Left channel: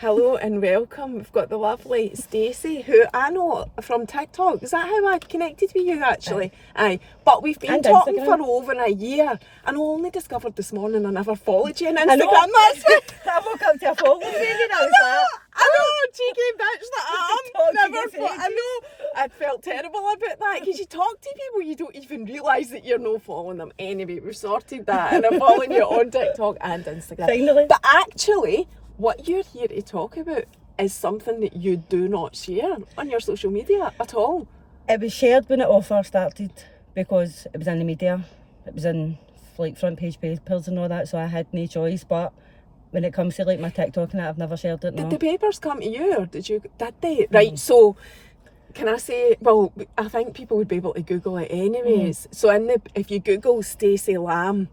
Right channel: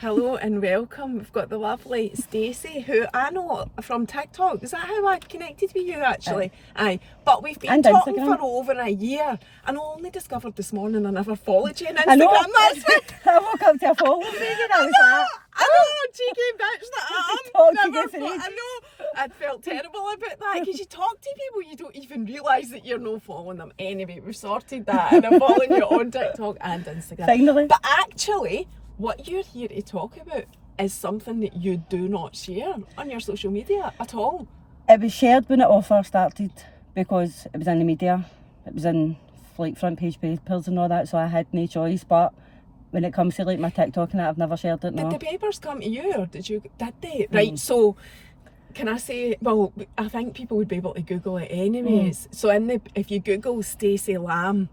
Hello and welcome. We've got the lovely Stacey, who I know from TikTok. Is that how I connected with you, actually? Aye. But we've been And talking Instagram. for over a year, and I only discovered this morning I never followed you on Instagram. I know. That's it. I woke up to a phone baby and I was like, I know, cheeky bitch that I am. Talking Never for I ages. know. I felt terrible about that because you talk to people, you don't even realise that you're not following them. Anyway, we've sorted that, and I'm following you on TikTok and Instagram. Finally. But actually, what you're here to talk about is something that you do not share on your social media at all. It was shared when it all first started because it was in the media. It was in like front page papers and all that, so I had no choice. But when it comes to like my TikTok and that, I've never shared it. No. Did the papers come to you, or did they? Right, so can I say, well, I think people would be able to Google it anyways. So if you Google Stacey Lamb,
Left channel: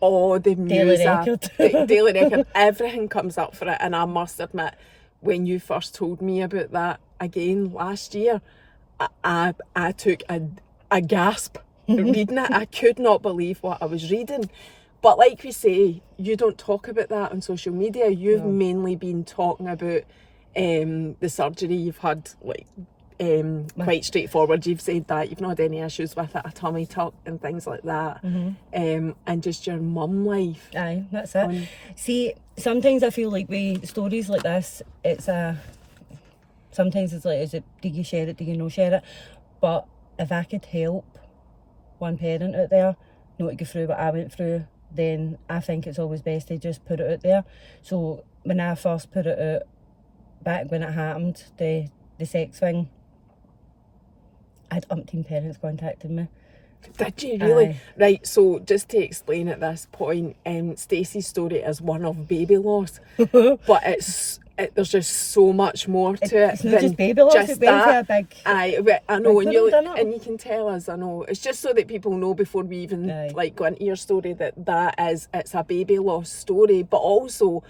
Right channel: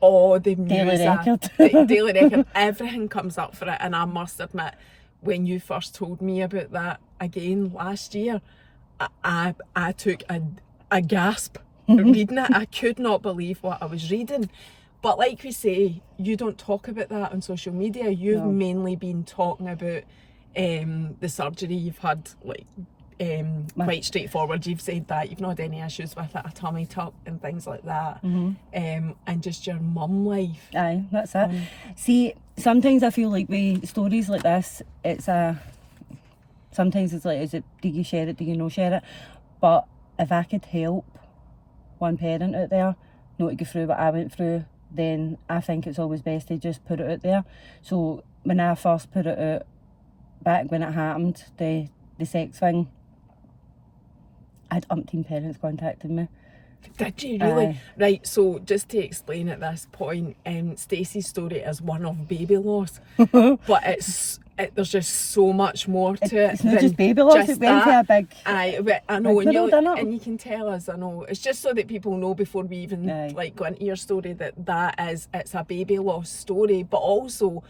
all the Daily news, Record. Daily Record, everything comes up for it. And I must admit, when you first told me about that again last year, I took a gasp reading it. I could not believe what I was reading. But like we say, you don't talk about that on social media. You've mainly been talking about the surgery you've had, like quite straightforward. You've said that you've not had any issues with it, a tummy tuck and things like that, and just your mum life. Aye, that's it. See, sometimes I feel like with stories like this, sometimes it's like, do you share it, do you not share it? But if I could help one parent out there not to go through what I went through, then I think it's always best to just put it out there. So when I first put it out, back when it happened, the sex thing, I had umpteen parents contacting me. Did you really? Aye. Right, so just to explain at this point, Stacey's story is one of baby loss, but there's just so much more to it. It's not just baby loss, it went to a big... Aye, I know, big world, innit? and you can tell us, I know. It's just so that people know before we even go into your story it's a baby loss story, but also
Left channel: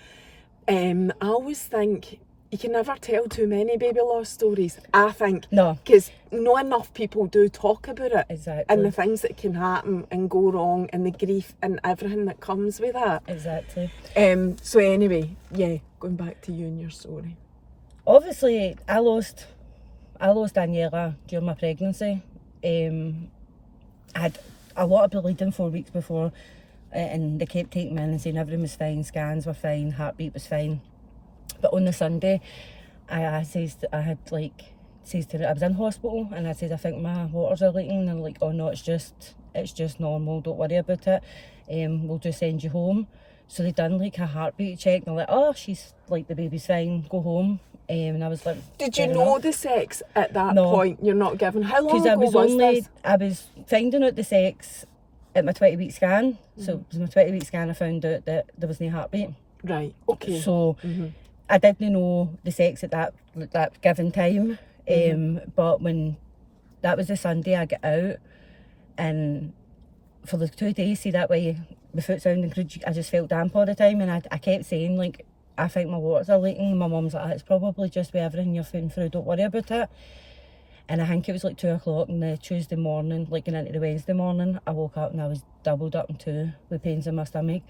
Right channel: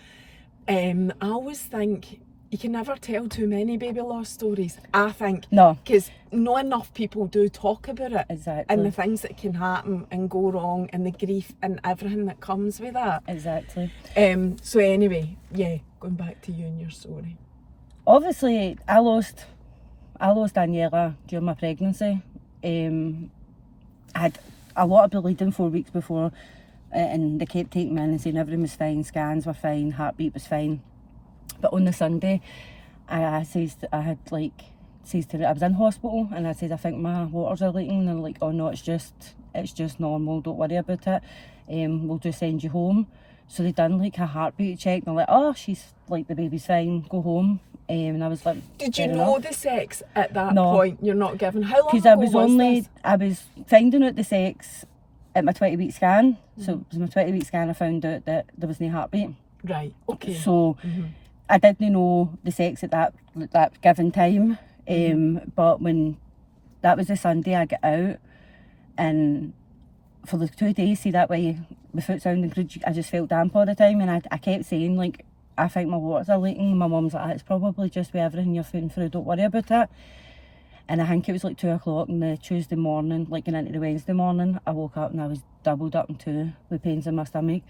I always think you can never tell too many baby loss stories, I think. No. Because not enough people do talk about it. Exactly. And the things that can happen and go wrong and the grief and everything that comes with that. Exactly. So anyway, going back to you and your story. Obviously, I lost Daniela during my pregnancy. I had a lot of bleeding 4 weeks before, and they kept taking me in and saying everything was fine, scans were fine, heartbeat was fine. But on the Sunday, I was in hospital, and I said, I think my waters are leaking, and they're like, oh no, it's just normal, don't worry about it. We'll just send you home. So they done like a heartbeat check, and they're like, oh, she's like, the baby's fine, go home. And I was like, did you know the sex at that No. point? You're not given. How long because ago was this? I was finding out the sex at my 20-week scan. So it was my 20-week scan I found out that there was no heartbeat. Right, okay. So I didn't know the sex at that given time. But when that was the Sunday, I got out, and for the 2 days, see that way, my foot sounding crude, I just felt damp all the time, and I kept saying, like, I think my waters are leaking. My mum's like, it's probably just with everything you're feeling through, don't worry about it. And I think it was like 2 o'clock on the Tuesday morning, like going into the Wednesday morning, I woke up and I was doubled up in two with pains in my stomach,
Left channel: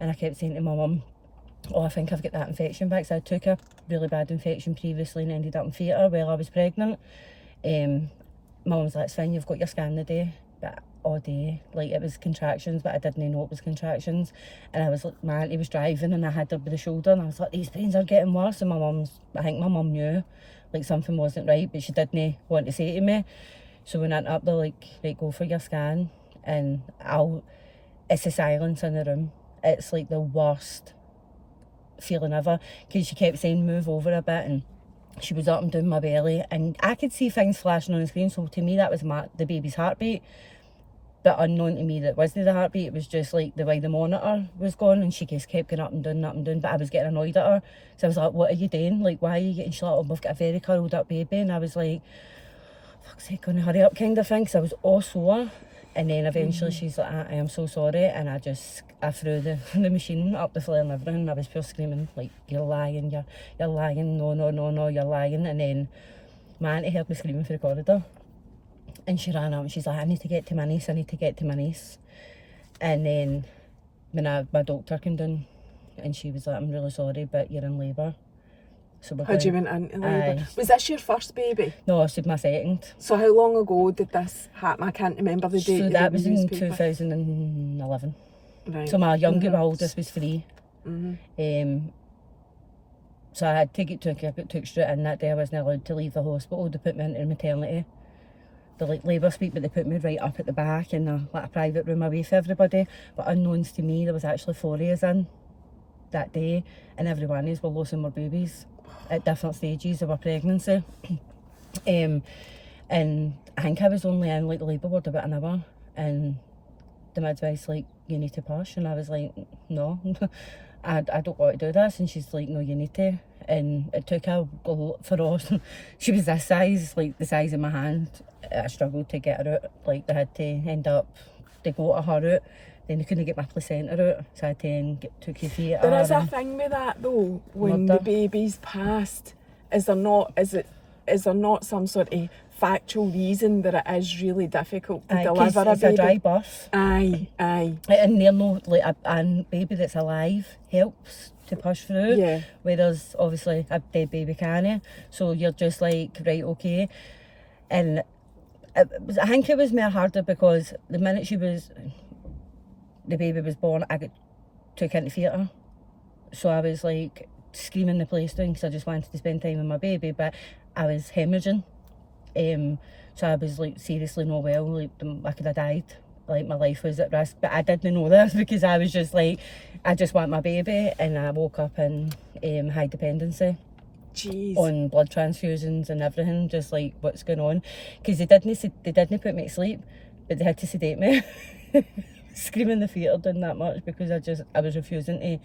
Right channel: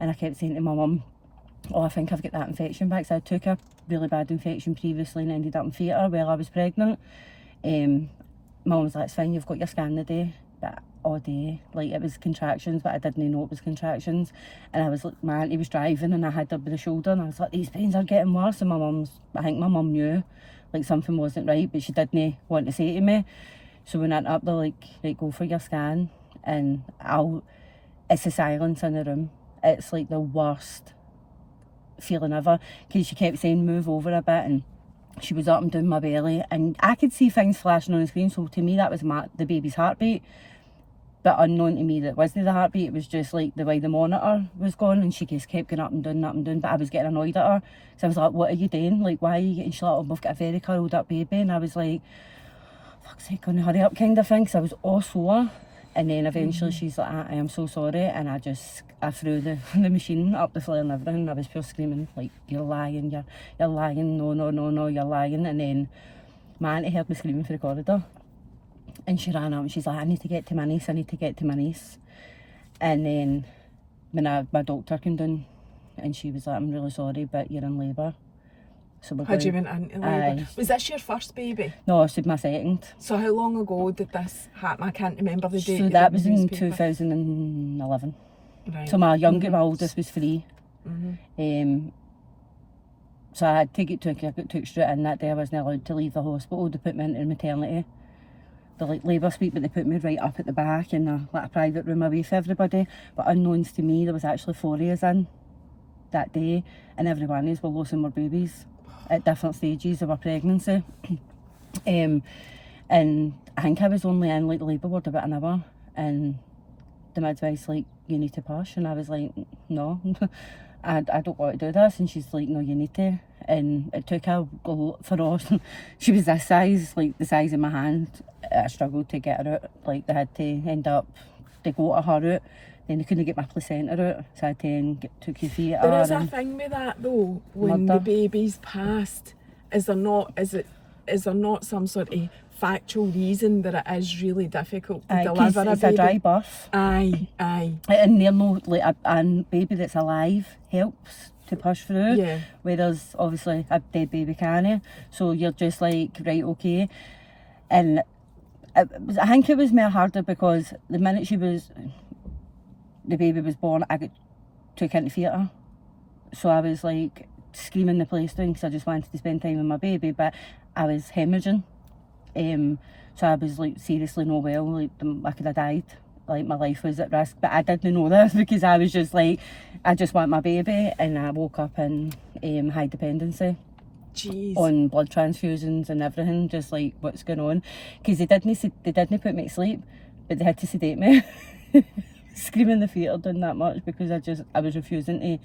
and I kept saying to my mum, oh, I think I've got that infection back. So I took a really bad infection previously and ended up in theatre while I was pregnant. My mum was like, it's fine, you've got your scan today. But all day, like, it was contractions, but I didn't know it was contractions. And I was like, my auntie was driving and I had her by the shoulder, and I was like, these pains are getting worse. And I think my mum knew like something wasn't right, but she didn't want to say to me. So when I went up there, like, right, go for your scan. And it's the silence in the room. It's like the worst feeling ever, because she kept saying move over a bit, and she was up and down my belly, and I could see things flashing on the screen. So to me that was the baby's heartbeat, but unknown to me that wasn't the heartbeat. It was just like the way the monitor was going, and she just kept going up and down, but I was getting annoyed at her. So I was like, what are you doing? Like, why are you getting shut up? We've got a very curled up baby. And I was like, fuck's sake, gonna hurry up kind of thing. So I was all sore. And then eventually she's like, I am so sorry. And I threw the machine up the flare and everything. And I was pure screaming, like, you're lying, you're lying, no, you're lying. And then my auntie heard me screaming through the corridor. And she ran up and she's like, I need to get to my niece. And then when my doctor came down, and she was like, I'm really sorry, but you're in labour. So we're Had you going, went into labour? Aye. Was this your first baby? No, I said my second. So how long ago did this happen? I can't remember the date. So you that read was the in newspaper. 2011. Right. So my oldest was 3. Mm-hmm. So I had to get I got took straight in that day. I wasn't allowed to leave the hospital. They put me into maternity, the labour suite, but they put me right up at the back in a private room away from everybody. But unknowns to me, there was actually 4 of us in that day, and every one of us were losing their babies at different stages of our pregnancy. And I think I was only in like the labour ward about an hour, and the midwife's like, "You need to push," and I was like, "No." I don't want to do this, and she's like, "No, you need to." And it took her for us. She was this size, like the size of my hand. I struggled to get her out. Like they had to end up to go to her out. Then they couldn't get my placenta out, so I had to took your feet at her. There is a and thing with that though. When murder. the baby's passed, is there not some sort of factual reason that it is really difficult to Aye, 'cause deliver a it's baby? a dry birth. Aye. And they're no, like a baby that's alive helps to push through. Yeah. Whereas obviously a dead baby can't. So you're just like, right, okay. And I think it was more harder because the minute the baby was born, I got took into theatre. So I was like screaming the place down because I just wanted to spend time with my baby, but I was hemorrhaging. So I was like seriously not well, like I could have died. Like my life was at risk, but I didn't know this because I was just like, I just want my baby, and I woke up in high dependency. Jeez. On blood transfusions and everything, just like what's going on, because they didn't put me to sleep, but they had to sedate me. Screaming the theatre doing that much because I was refusing to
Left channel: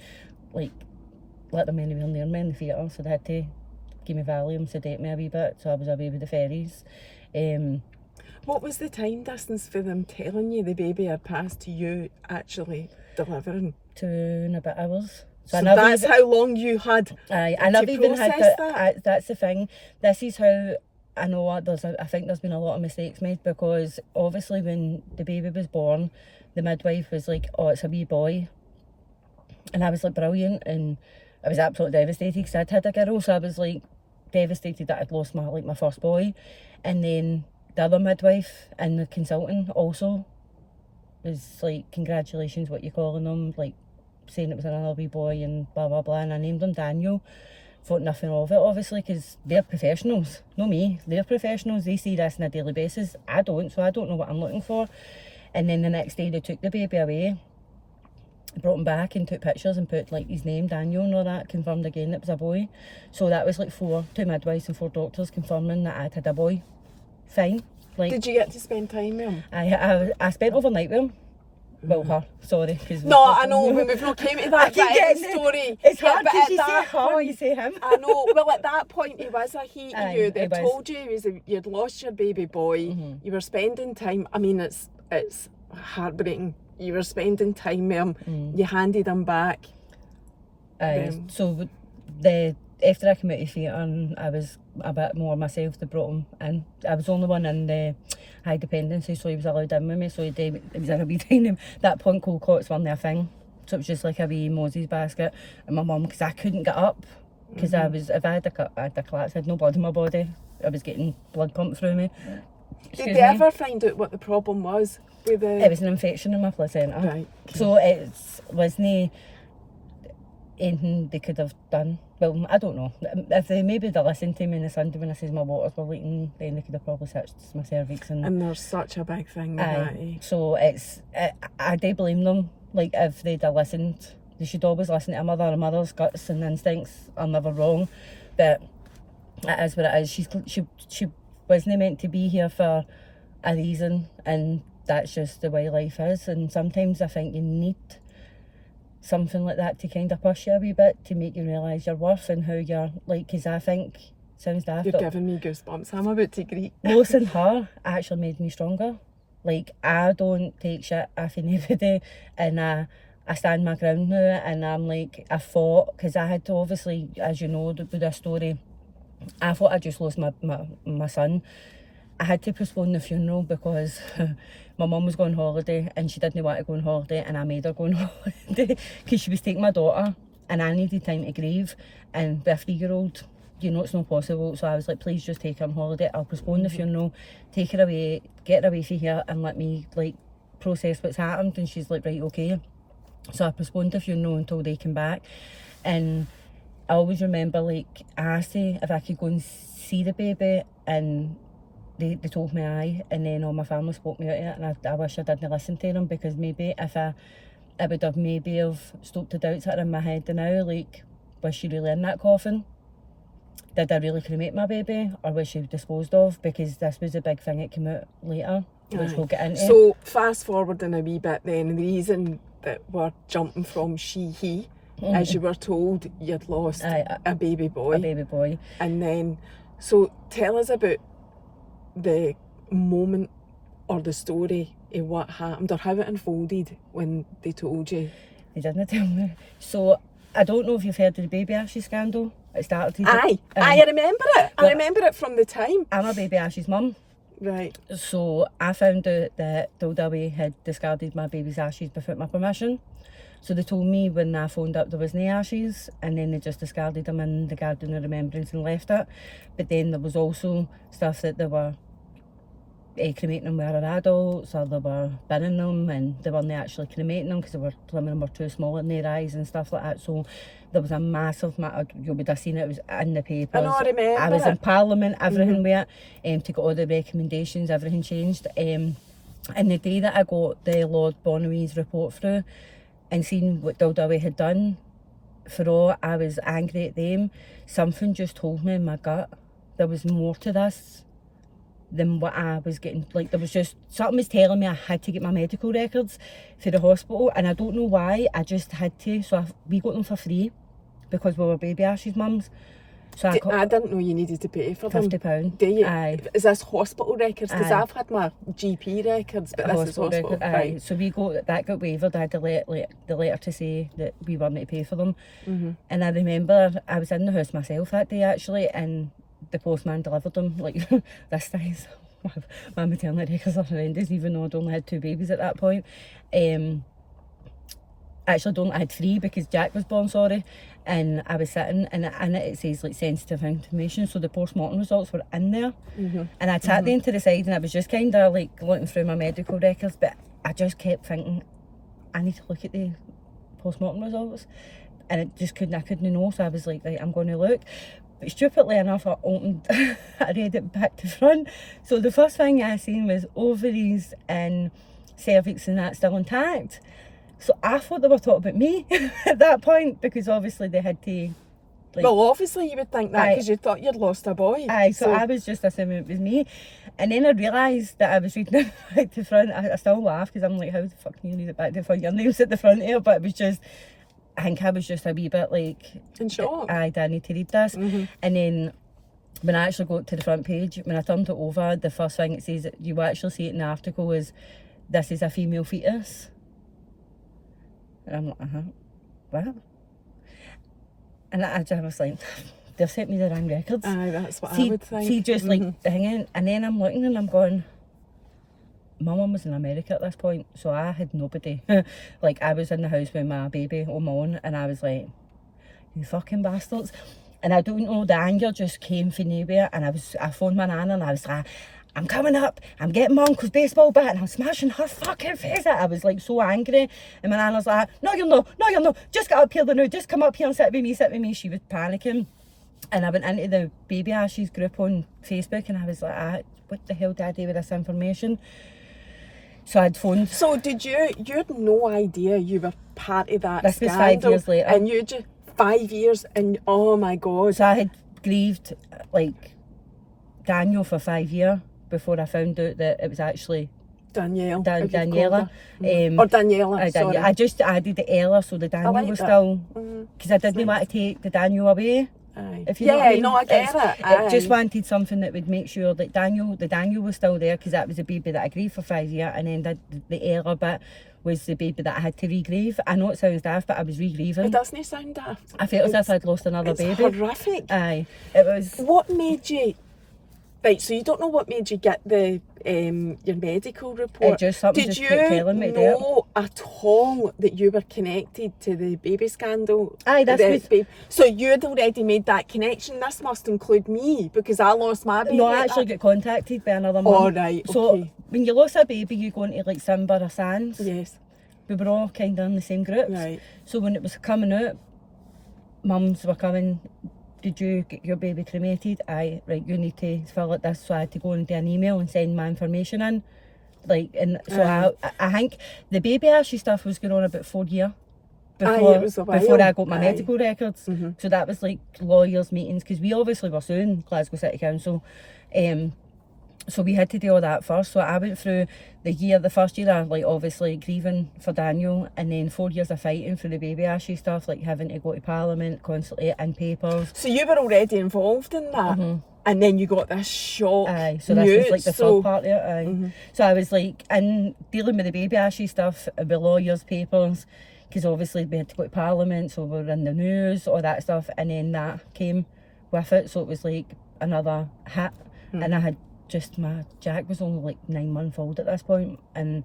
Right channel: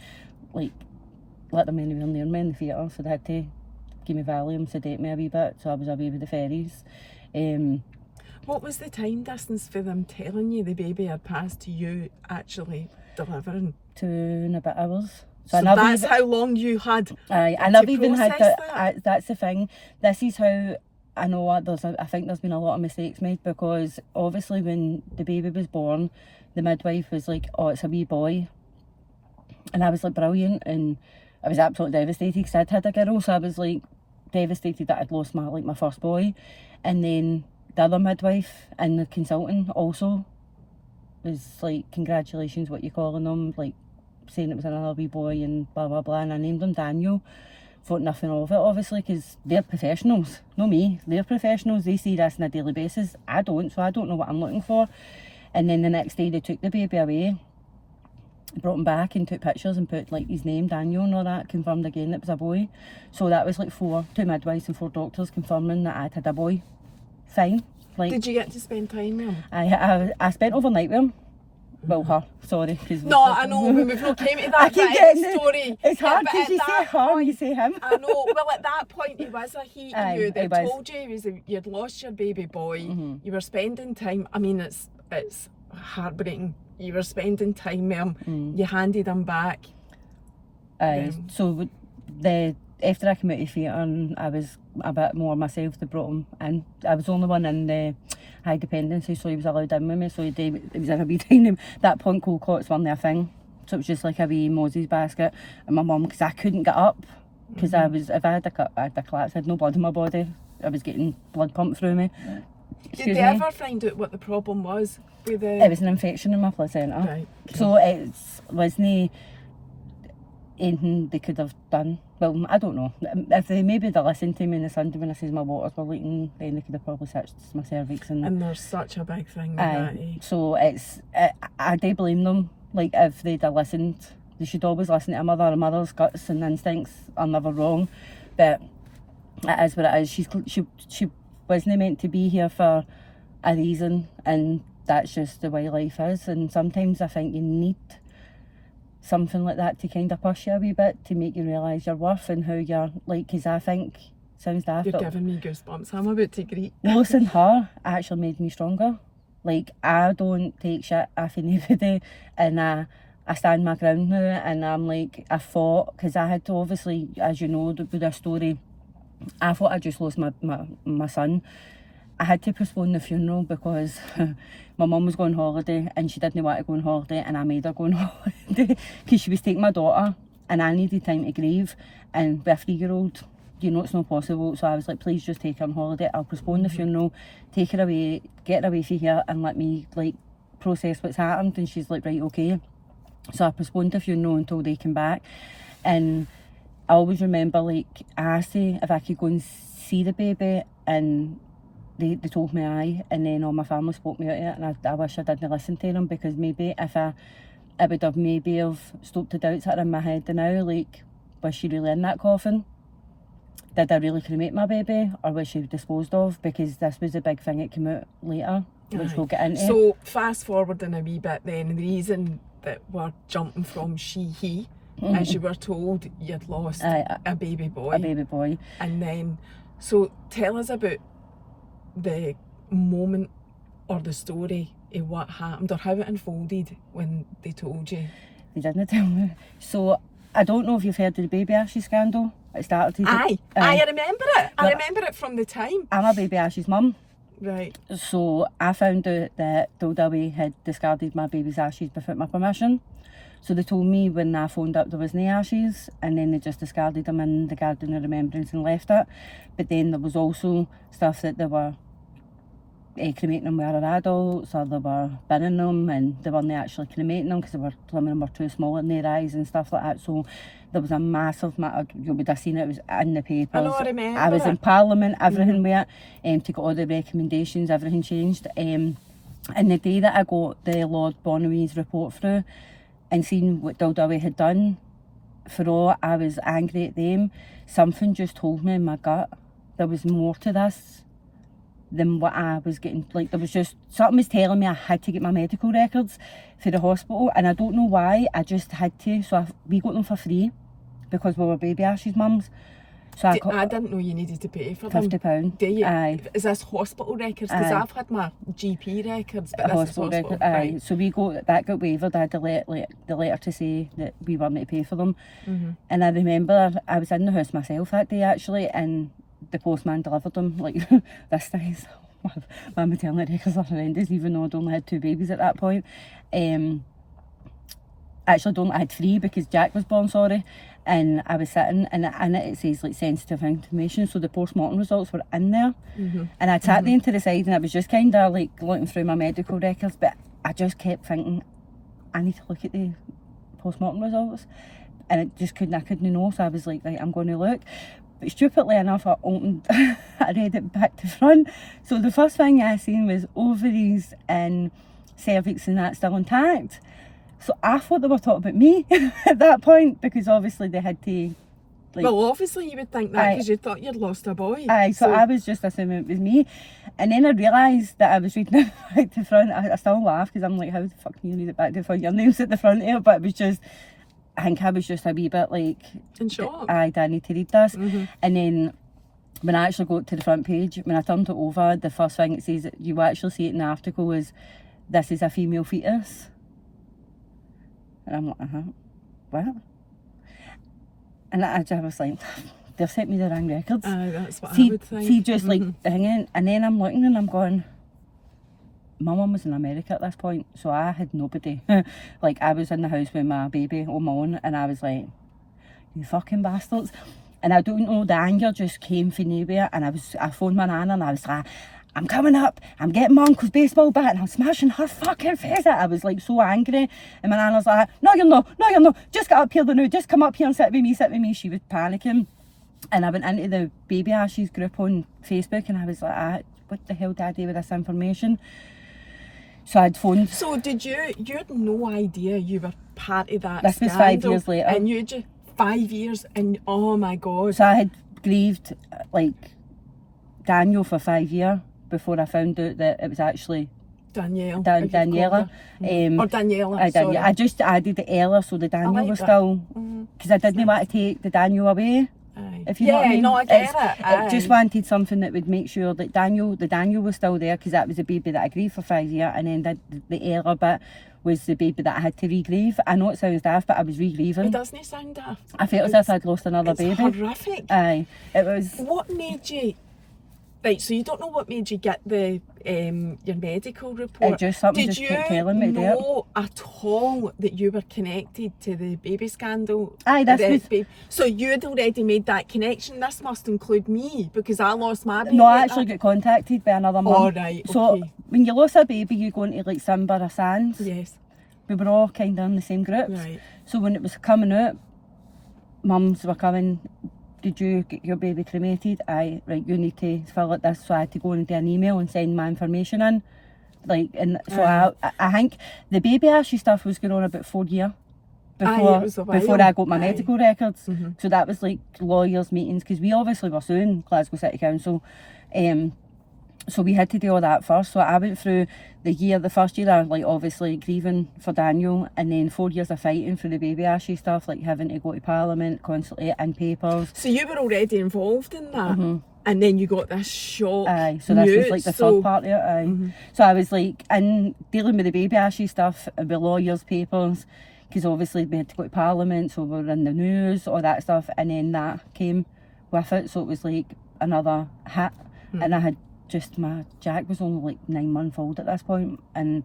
like let them anywhere near me in the theatre, so they had to give me Valium, sedate me a wee bit, so I was away with the ferries. What was the time distance for them telling you the baby had passed to you actually delivering? 2 and a bit hours. So that's how long you had. Aye, and I've even had that. that's the thing. This is how I know what I think there's been a lot of mistakes made, because obviously when the baby was born, the midwife was like, "Oh, it's a wee boy," and I was like, "Brilliant," and I was absolutely devastated because I'd had a girl, so I was like devastated that I'd lost my first boy. And then the other midwife and the consultant also was like, "Congratulations, what you calling them?" Like saying it was another wee boy and blah blah blah, and I named him Daniel. Thought nothing of it, obviously, because they're professionals, not me. They're professionals. They see this on a daily basis. I don't, so I don't know what I'm looking for. And then the next day they took the baby away, brought him back and took pictures and put like his name, Daniel, and all that, confirmed again it was a boy. So that was like 2 midwives and 4 doctors confirming that I'd had a boy. Fine. Like, did you get to spend time with him? I spent overnight with him. Well, her, sorry. Cause no, I know, when we've not came to that bit of the story. It's hard because you say her, you say him. I know, well at that point he was a he to you. They told you you'd lost your baby boy, you were spending time, I mean it's heartbreaking, you were spending time with him, you handed him back. Aye, so after I came out of theatre and I was a bit more myself, they brought him in. I was the only one in the high dependency, so he was allowed in with me, so it was in a wee time. That point cold cots weren't a thing, so it was just like a wee Moses basket. And my mum, because I couldn't get up, because if I had a collapse, I had no blood in my body, I was getting blood pumped through me. Did they ever find out what the problem was with the... It was an infection in my placenta. Right. So it wasn't anything they could have done. Well, I don't know. If they listened to me on the Sunday when I says my waters were leaking, then they could have probably searched my cervix. And there's such a big thing with that, eh? So I do blame them. Like, if they'd have listened, they should always listen to a mother. A mother's guts and instincts are never wrong. But it is what it is. She wasn't meant to be here for a reason, and that's just the way life is. And sometimes I think you need something like that to kind of push you a wee bit, to make you realise your worth and how you're, like, because I think, sounds daft, you're giving me goosebumps, I'm about to greet. losing her actually made me stronger. Like, I don't take shit off anybody, and I stand my ground now, and I'm like, I fought, because I had to, obviously, as you know, with this story, I thought I just lost my son. I had to postpone the funeral because my mum was going on holiday and she didn't want to go on holiday, and I made her go on holiday because she was taking my daughter and I needed time to grieve. And with a 3-year-old, you know it's not possible. So I was like, please just take her on holiday. I'll postpone the funeral, take her away, get her away from here, and let me like process what's happened. And she's like, right, okay. So I postponed the funeral until they came back. And I always remember, like, I asked if I could go and see the baby, and they told me aye, and then all my family spoke me out of it, and I wish I didn't listen to them, because maybe if I would have maybe stoked the doubts that are in my head now, like, was she really in that coffin? Did I really cremate my baby, or was she disposed of? Because this was a big thing that came out later, which we'll get into. So fast forwarding a wee bit then, the reason that we're jumping from he, as you were told you'd lost a baby boy. A baby boy. And then, so tell us about the moment or the story of what happened or how it unfolded when they told you. They didn't tell me. So I don't know if you've heard of the baby Ashes scandal. It started. Aye, I remember it. I remember it from the time. I'm a baby Ash's mum. Right. So I found out that Dildaway had discarded my baby's ashes without my permission. So they told me when I phoned up there was no ashes, and then they just discarded them in the garden of remembrance and left it. But then there was also stuff that they were cremating them with other adults, or they were binning them, and they weren't actually cremating them because some of them were too small in their eyes and stuff like that. So there was a massive matter. You would have seen it was in the papers. I know, I remember I was in Parliament, everything with it, to get all the recommendations, everything changed. And the day that I got the Lord Bonaway's report through and seen what Dildaway had done, for all I was angry at them, something just told me in my gut there was more to this than what I was getting. Like, there was just something was telling me I had to get my medical records for the hospital, and I don't know why, I just had to. So we got them for free because we were baby Ash's mums. So I didn't know you needed to pay for them. £50. Do you? Aye. Is this hospital records? Because Aye. I've had my GP records, but A this hospital is hospital. record. Aye. Right. So we got waived. I had the letter to say that we weren't to pay for them. And I remember I was in the house myself that day actually, and the postman delivered them like this size. My maternity records are horrendous, even though I'd only had 2 babies at that point. Actually, I had 3 because Jack was born, sorry. And I was sitting, and in it says like sensitive information, so the post-mortem results were in there. And I sat them to the side, and I was just kind of like looking through my medical records, but I just kept thinking, I need to look at the post-mortem results. And I couldn't know, so I was like, right, I'm going to look. But stupidly enough, I read it back to front. So the first thing I seen was ovaries and cervix and that still intact. So I thought they were talking about me at that point, because obviously they had to. Like, well, obviously you would think that because you thought you'd lost a boy. Aye, so I was just assuming it was me. And then I realised that I was reading it back to front. I still laugh because I'm like, how the fuck can you read it back to front? Your name's at the front here, but it was just. I think I was just a wee bit like, in shock. I need to read this. And then when I actually got to the front page, when I turned it over, the first thing it says that you actually see it in the article is, this is a female fetus. And I'm like, what? And I was like, they've sent me the wrong records. Aye, that's what I would think. See, just like the hanging, and then I'm looking and I'm going, my mum was in America at this point, so I had nobody. Like, I was in the house with my baby on my own, and I was like, you fucking bastards. And I don't know, the anger just came from nowhere, and I phoned my nana, and I was like, I'm coming up, I'm getting my uncle's baseball bat, and I'm smashing her fucking face out. I was like so angry, and my nana was like, no you're not, just get up here now, just come up here and sit with me. She was panicking. And I went into the Baby Ashes group on Facebook, and I was like, what the hell did I do with this information? So I'd phoned. So you had no idea you were part of that This scandal? was 5 years later. And you just 5 years, and oh my God. So I had grieved like Daniel for 5 years before I found out that it was actually Daniela. Daniela. Or Daniela, sorry. I just added the Ella, so the Daniel was still, because I didn't want to take the Daniel away. Aye. If you know what I mean. No, I get it. I just wanted something that would make sure that the Daniel was still there, because that was a baby that I grieved for 5 years, and then the Ella bit was the baby that I had to re-grieve. I know it sounds daft, but I was re-grieving. It doesn't sound daft. I felt as if I'd lost another baby. It's horrific. Aye, it was. What made you... Right, so you don't know what made you get the your medical report. just something Did just kept telling me you that. know at all that you were connected to the baby scandal? Aye, that's what... So you'd already made that connection. This must include me because I lost my baby. No, I actually got contacted by another mum. Oh, right, So okay. when you lose a baby, you go into like Simba or Sands. Yes. We were all kind of in the same groups. Right. So when it was coming out, mums were coming, did you get your baby cremated? Aye, right, you need to fill out this. So I had to go and do an email and send my information in. Like, and so I think the baby Ashley stuff was going on about 4 years before I got my medical records. Mm-hmm. So that was like lawyers' meetings, because we obviously were suing Glasgow City Council. So we had to do all that first. So I went through the first year of like obviously grieving for Daniel, and then 4 years of fighting for the baby Ashley stuff, like having to go to Parliament constantly and papers. So you were already involved in that, and then you got this shock. Aye, so this was like the third part of it. Aye. So I was like in dealing with the baby Ashley stuff, with lawyers' papers, because obviously we had to go to Parliament, so we were in the news, all that stuff, and then that came with it. So it was like another hit, and I had just Jack was only like 9 months old at this point, and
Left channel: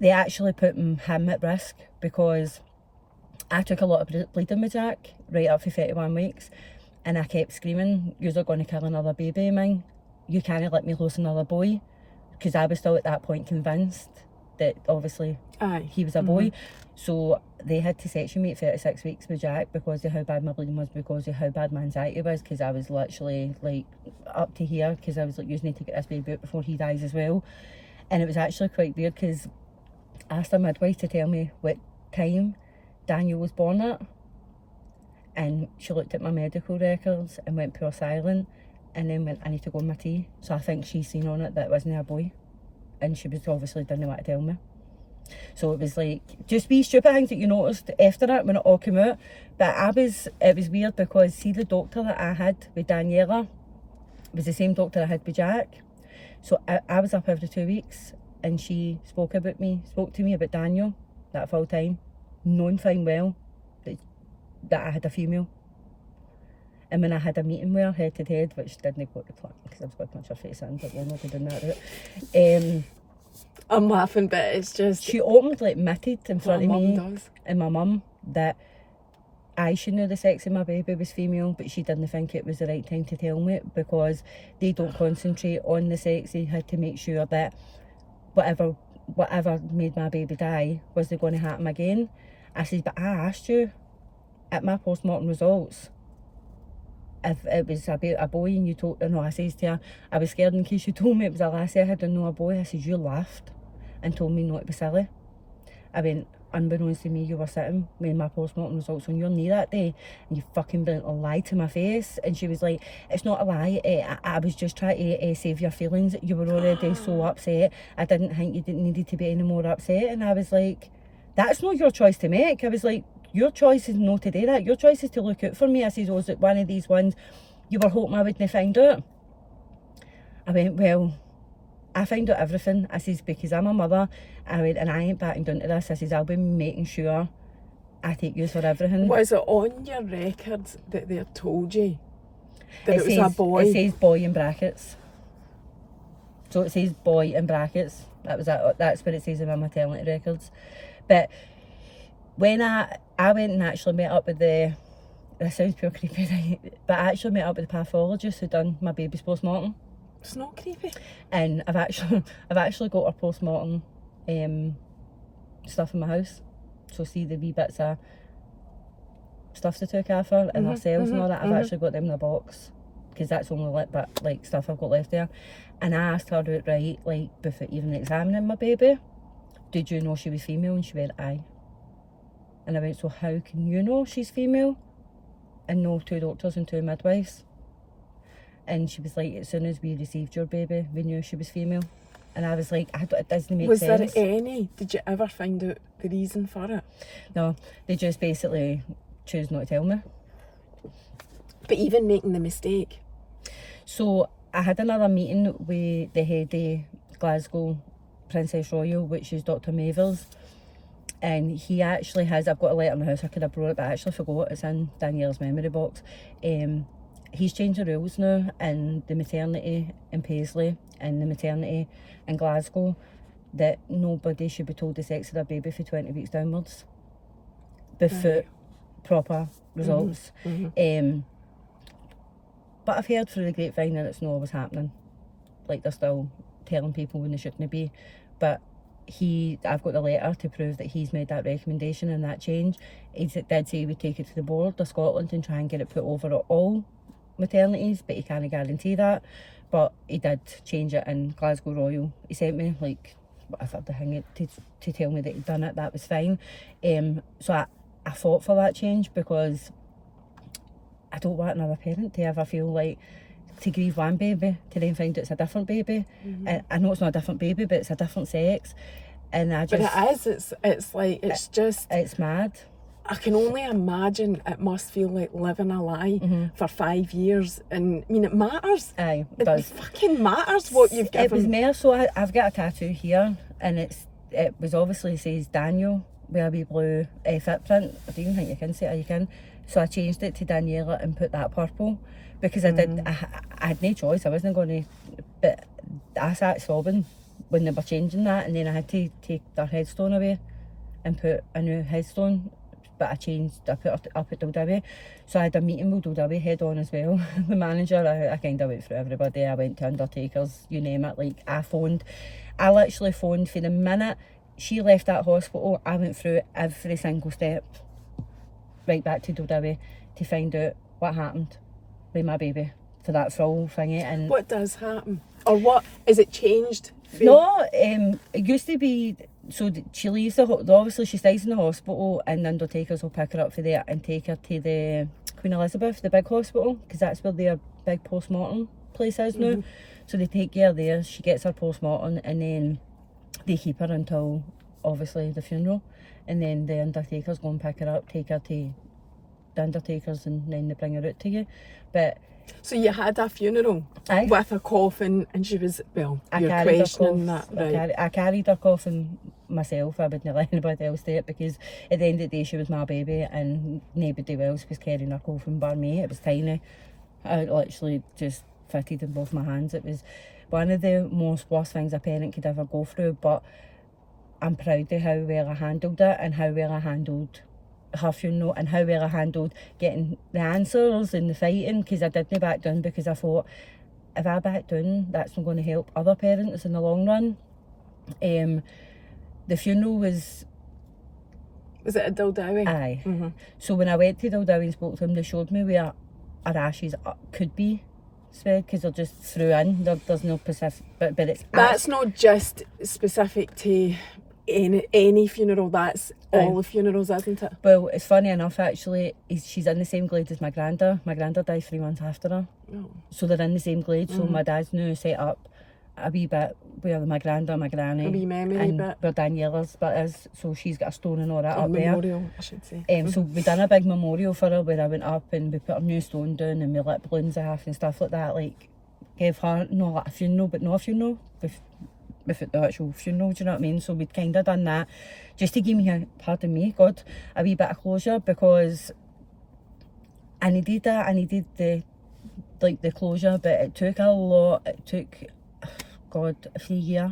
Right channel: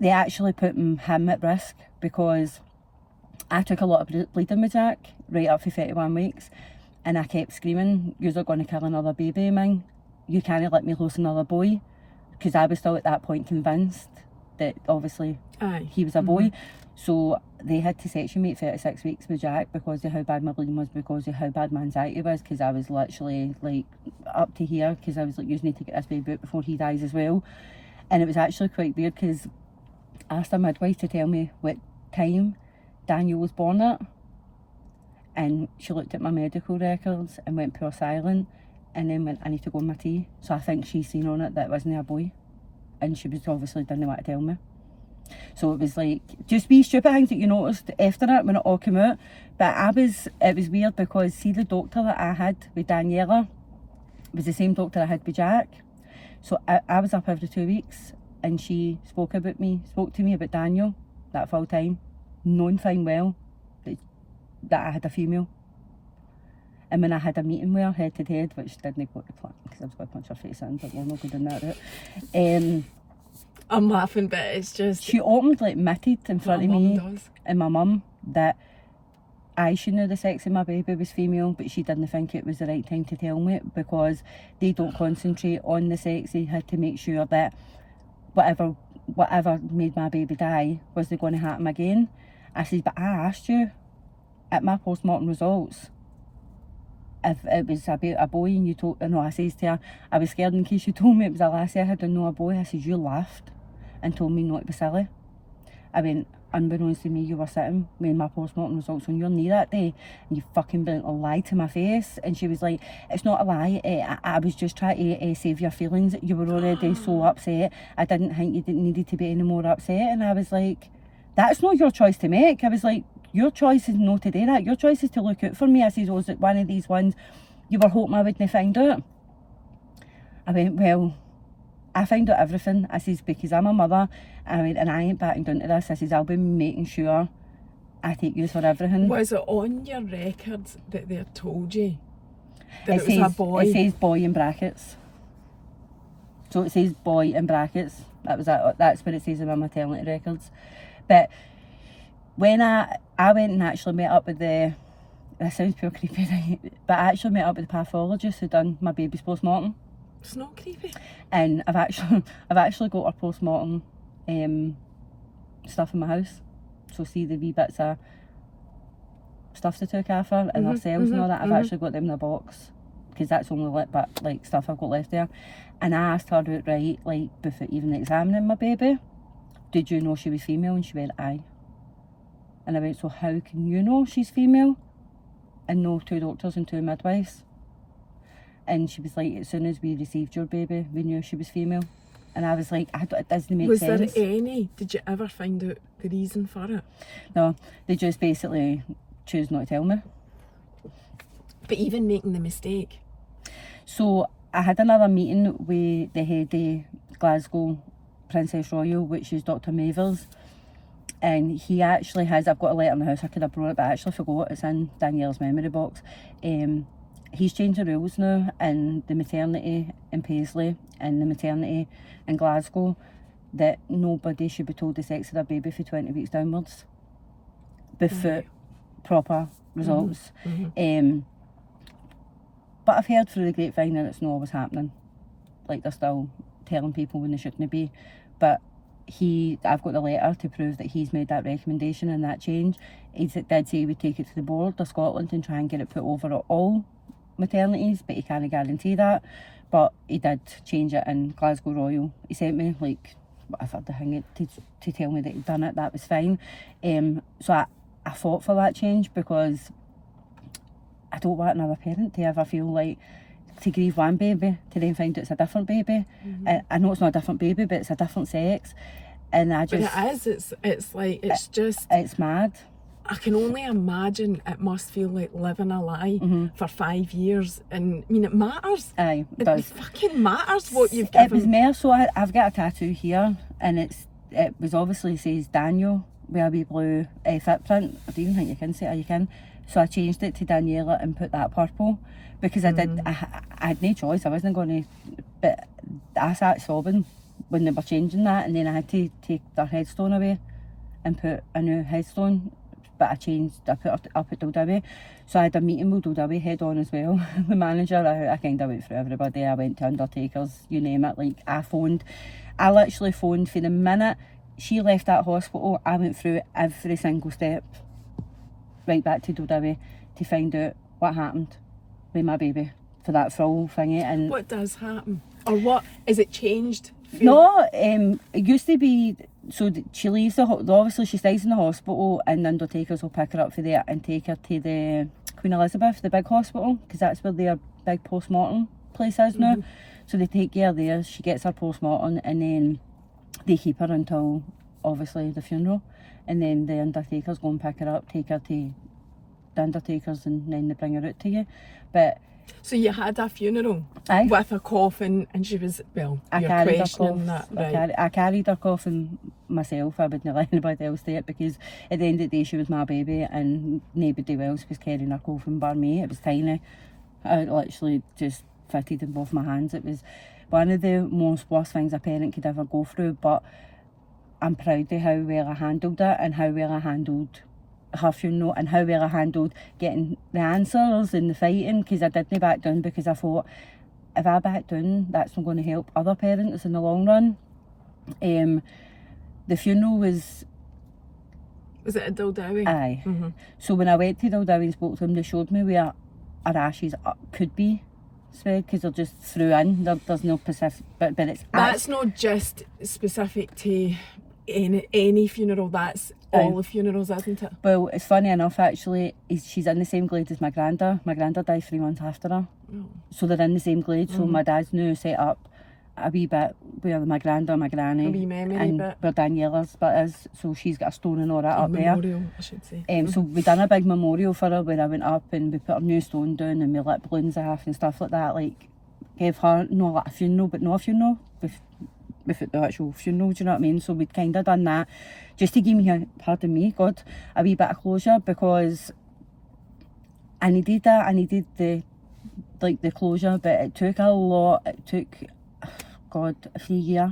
they actually put him at risk because I took a lot of bleeding with Jack right up for 31 weeks, and I kept screaming, "You're going to kill another baby of mine. You can't let me lose another boy," because I was still at that point convinced that obviously he was a boy. So they had to section me at 36 weeks with Jack because of how bad my bleeding was, because of how bad my anxiety was, because I was literally like up to here, because I was like, you need to get this baby out before he dies as well. And it was actually quite weird because I asked a midwife to tell me what time Daniel was born at, and she looked at my medical records and went pure silent, and then went, "I need to go on my tea." So I think she's seen on it that it wasn't a boy, and she was obviously didn't want to tell me. So it was like just wee stupid things that you noticed after it when it all came out. But it was weird because see, the doctor that I had with Daniela was the same doctor I had with Jack. So I was up every 2 weeks, and she spoke to me about Daniel that full time, knowing fine well that I had a female. And when I had a meeting with her head to head, which didn't go to plan because I was going to punch her face in, but we're not going down that route. I'm laughing, but it's just... She openly admitted in front of me and my mum that I should know the sex of my baby was female, but she didn't think it was the right time to tell me it because they don't concentrate on the sex. They had to make sure that whatever made my baby die, was they going to happen again? I said, but I asked you at my postmortem results if it was a boy, and you told... No, I says to her, I was scared in case you told me it was a lassie I had and not a boy. I said, you laughed and told me not to be silly. I went, unbeknownst to me, you were sitting with my postmortem results on your knee that day, and you fucking blatantly lied to my face. And she was like, it's not a lie, I was just trying to save your feelings. You were already so upset. I didn't think you needed to be any more upset. And I was like, that's not your choice to make. I was like, your choice is not to do that. Your choice is to look out for me. I said, was it one of these ones you were hoping I wouldn't find out? I went, well, I find out everything. I says, because I'm a mother. I went, and I ain't backing down to this. I says, I'll be making sure I take you for everything. Was it on your records that they told you that it was a boy? It says boy in brackets. So it says boy in brackets. That's what it says in my maternity records. But when I went and actually met up with this sounds pure creepy, but I actually met up with the pathologist who done my baby's postmortem. It's not creepy. And I've actually got her postmortem stuff in my house. So see the wee bits of stuff they took off her and her cells and all that. I've actually got them in a box because that's the only like stuff I've got left there. And I asked her outright, like before even examining my baby, did you know she was female? And she went, aye. And I went, so how can you know she's female and know 2 doctors and 2 midwives? And she was like, as soon as we received your baby, we knew she was female. And I was like, it doesn't make sense. Was there any? Did you ever find out the reason for it? No, they just basically choose not to tell me. But even making the mistake? So I had another meeting with the head of Glasgow Princess Royal, which is Dr. Mavers. And he actually has, I've got a letter in the house, I could have brought it, but I actually forgot, it's in Daniela's memory box. he's changed the rules now in the maternity in Paisley and the maternity in Glasgow, that nobody should be told the sex of their baby for 20 weeks downwards before proper results. But I've heard through the grapevine that it's not always happening. Like, they're still telling people when they shouldn't be. But I've got the letter to prove that he's made that recommendation and that change. He did say he would take it to the board of Scotland and try and get it put over at all maternities, but he can't guarantee that. But he did change it in Glasgow Royal. He sent me, like, whatever the thing to tell me that he'd done it. That was fine. So I fought for that change because I don't want another parent to ever feel like to grieve one baby to then find out it's a different baby. I know it's not a different baby, but it's a different sex. And I just... But it is. It's like, it's just... It's mad. I can only imagine it must feel like living a lie for 5 years. And, I mean, it matters. Aye, it does. It fucking matters what you've given. It was more so, I've got a tattoo here, and it was obviously says Daniel with a wee blue footprint. I don't even think you can say it, or you can. So I changed it to Daniela and put that purple because I had no choice. I wasn't going to, but I sat sobbing when they were changing that, and then I had to take their headstone away and put a new headstone. But I put it up at Dildawi. So I had a meeting with Dildawi head on as well. The manager, I kind of went through everybody. I went to undertakers, you name it. Like, I literally phoned for the minute she left that hospital. I went through every single step right back to Dildawi to find out what happened with my baby for that full thingy. And what does happen? Or what, is it changed? No, it used to be, so she leaves obviously she stays in the hospital, and the undertakers will pick her up for there and take her to the Queen Elizabeth, the big hospital, because that's where their big post-mortem place is now. So they take her there, she gets her post-mortem, and then they keep her until obviously the funeral, and then the undertakers go and pick her up, take her to the undertakers, and then they bring her out to you. But so you had a funeral with a coffin, and she was, well, you're questioning that, right? I carried her coffin myself. I wouldn't let anybody else do it, because at the end of the day she was my baby and nobody else was carrying her coffin bar me. It was tiny. I literally just fitted in both my hands. It was one of the most worst things a parent could ever go through, but I'm proud of how well I handled it and how well I handled her funeral and how well I handled getting the answers and the fighting, because I didn't back down, because I thought if I back down, that's not going to help other parents in the long run. The funeral was it at Dildawi? Aye. So when I went to Dildawi and spoke to them, they showed me where our ashes could be spread, because they're just through in. There's no specific, but it's... That's not just specific to any funeral, that's all the funerals, isn't it? Well, it's funny enough, actually, she's in the same glade as my granda. My granda died 3 months after her. Oh. So they're in the same glade. So my dad's now set up a wee bit where my granda, my granny, a wee memory and bit where Daniela's bit is. So she's got a stone and all that up there. Memorial, I should say. So we done a big memorial for her where I went up and we put a new stone down and we lit balloons off and stuff like that. Like, gave her not like a funeral, but not a funeral. With the actual funeral, do you know what I mean? So we'd kind of done that just to give me, pardon me, God, a wee bit of closure, because I needed that. I needed the closure, but it took a lot. It took, God, 3 years.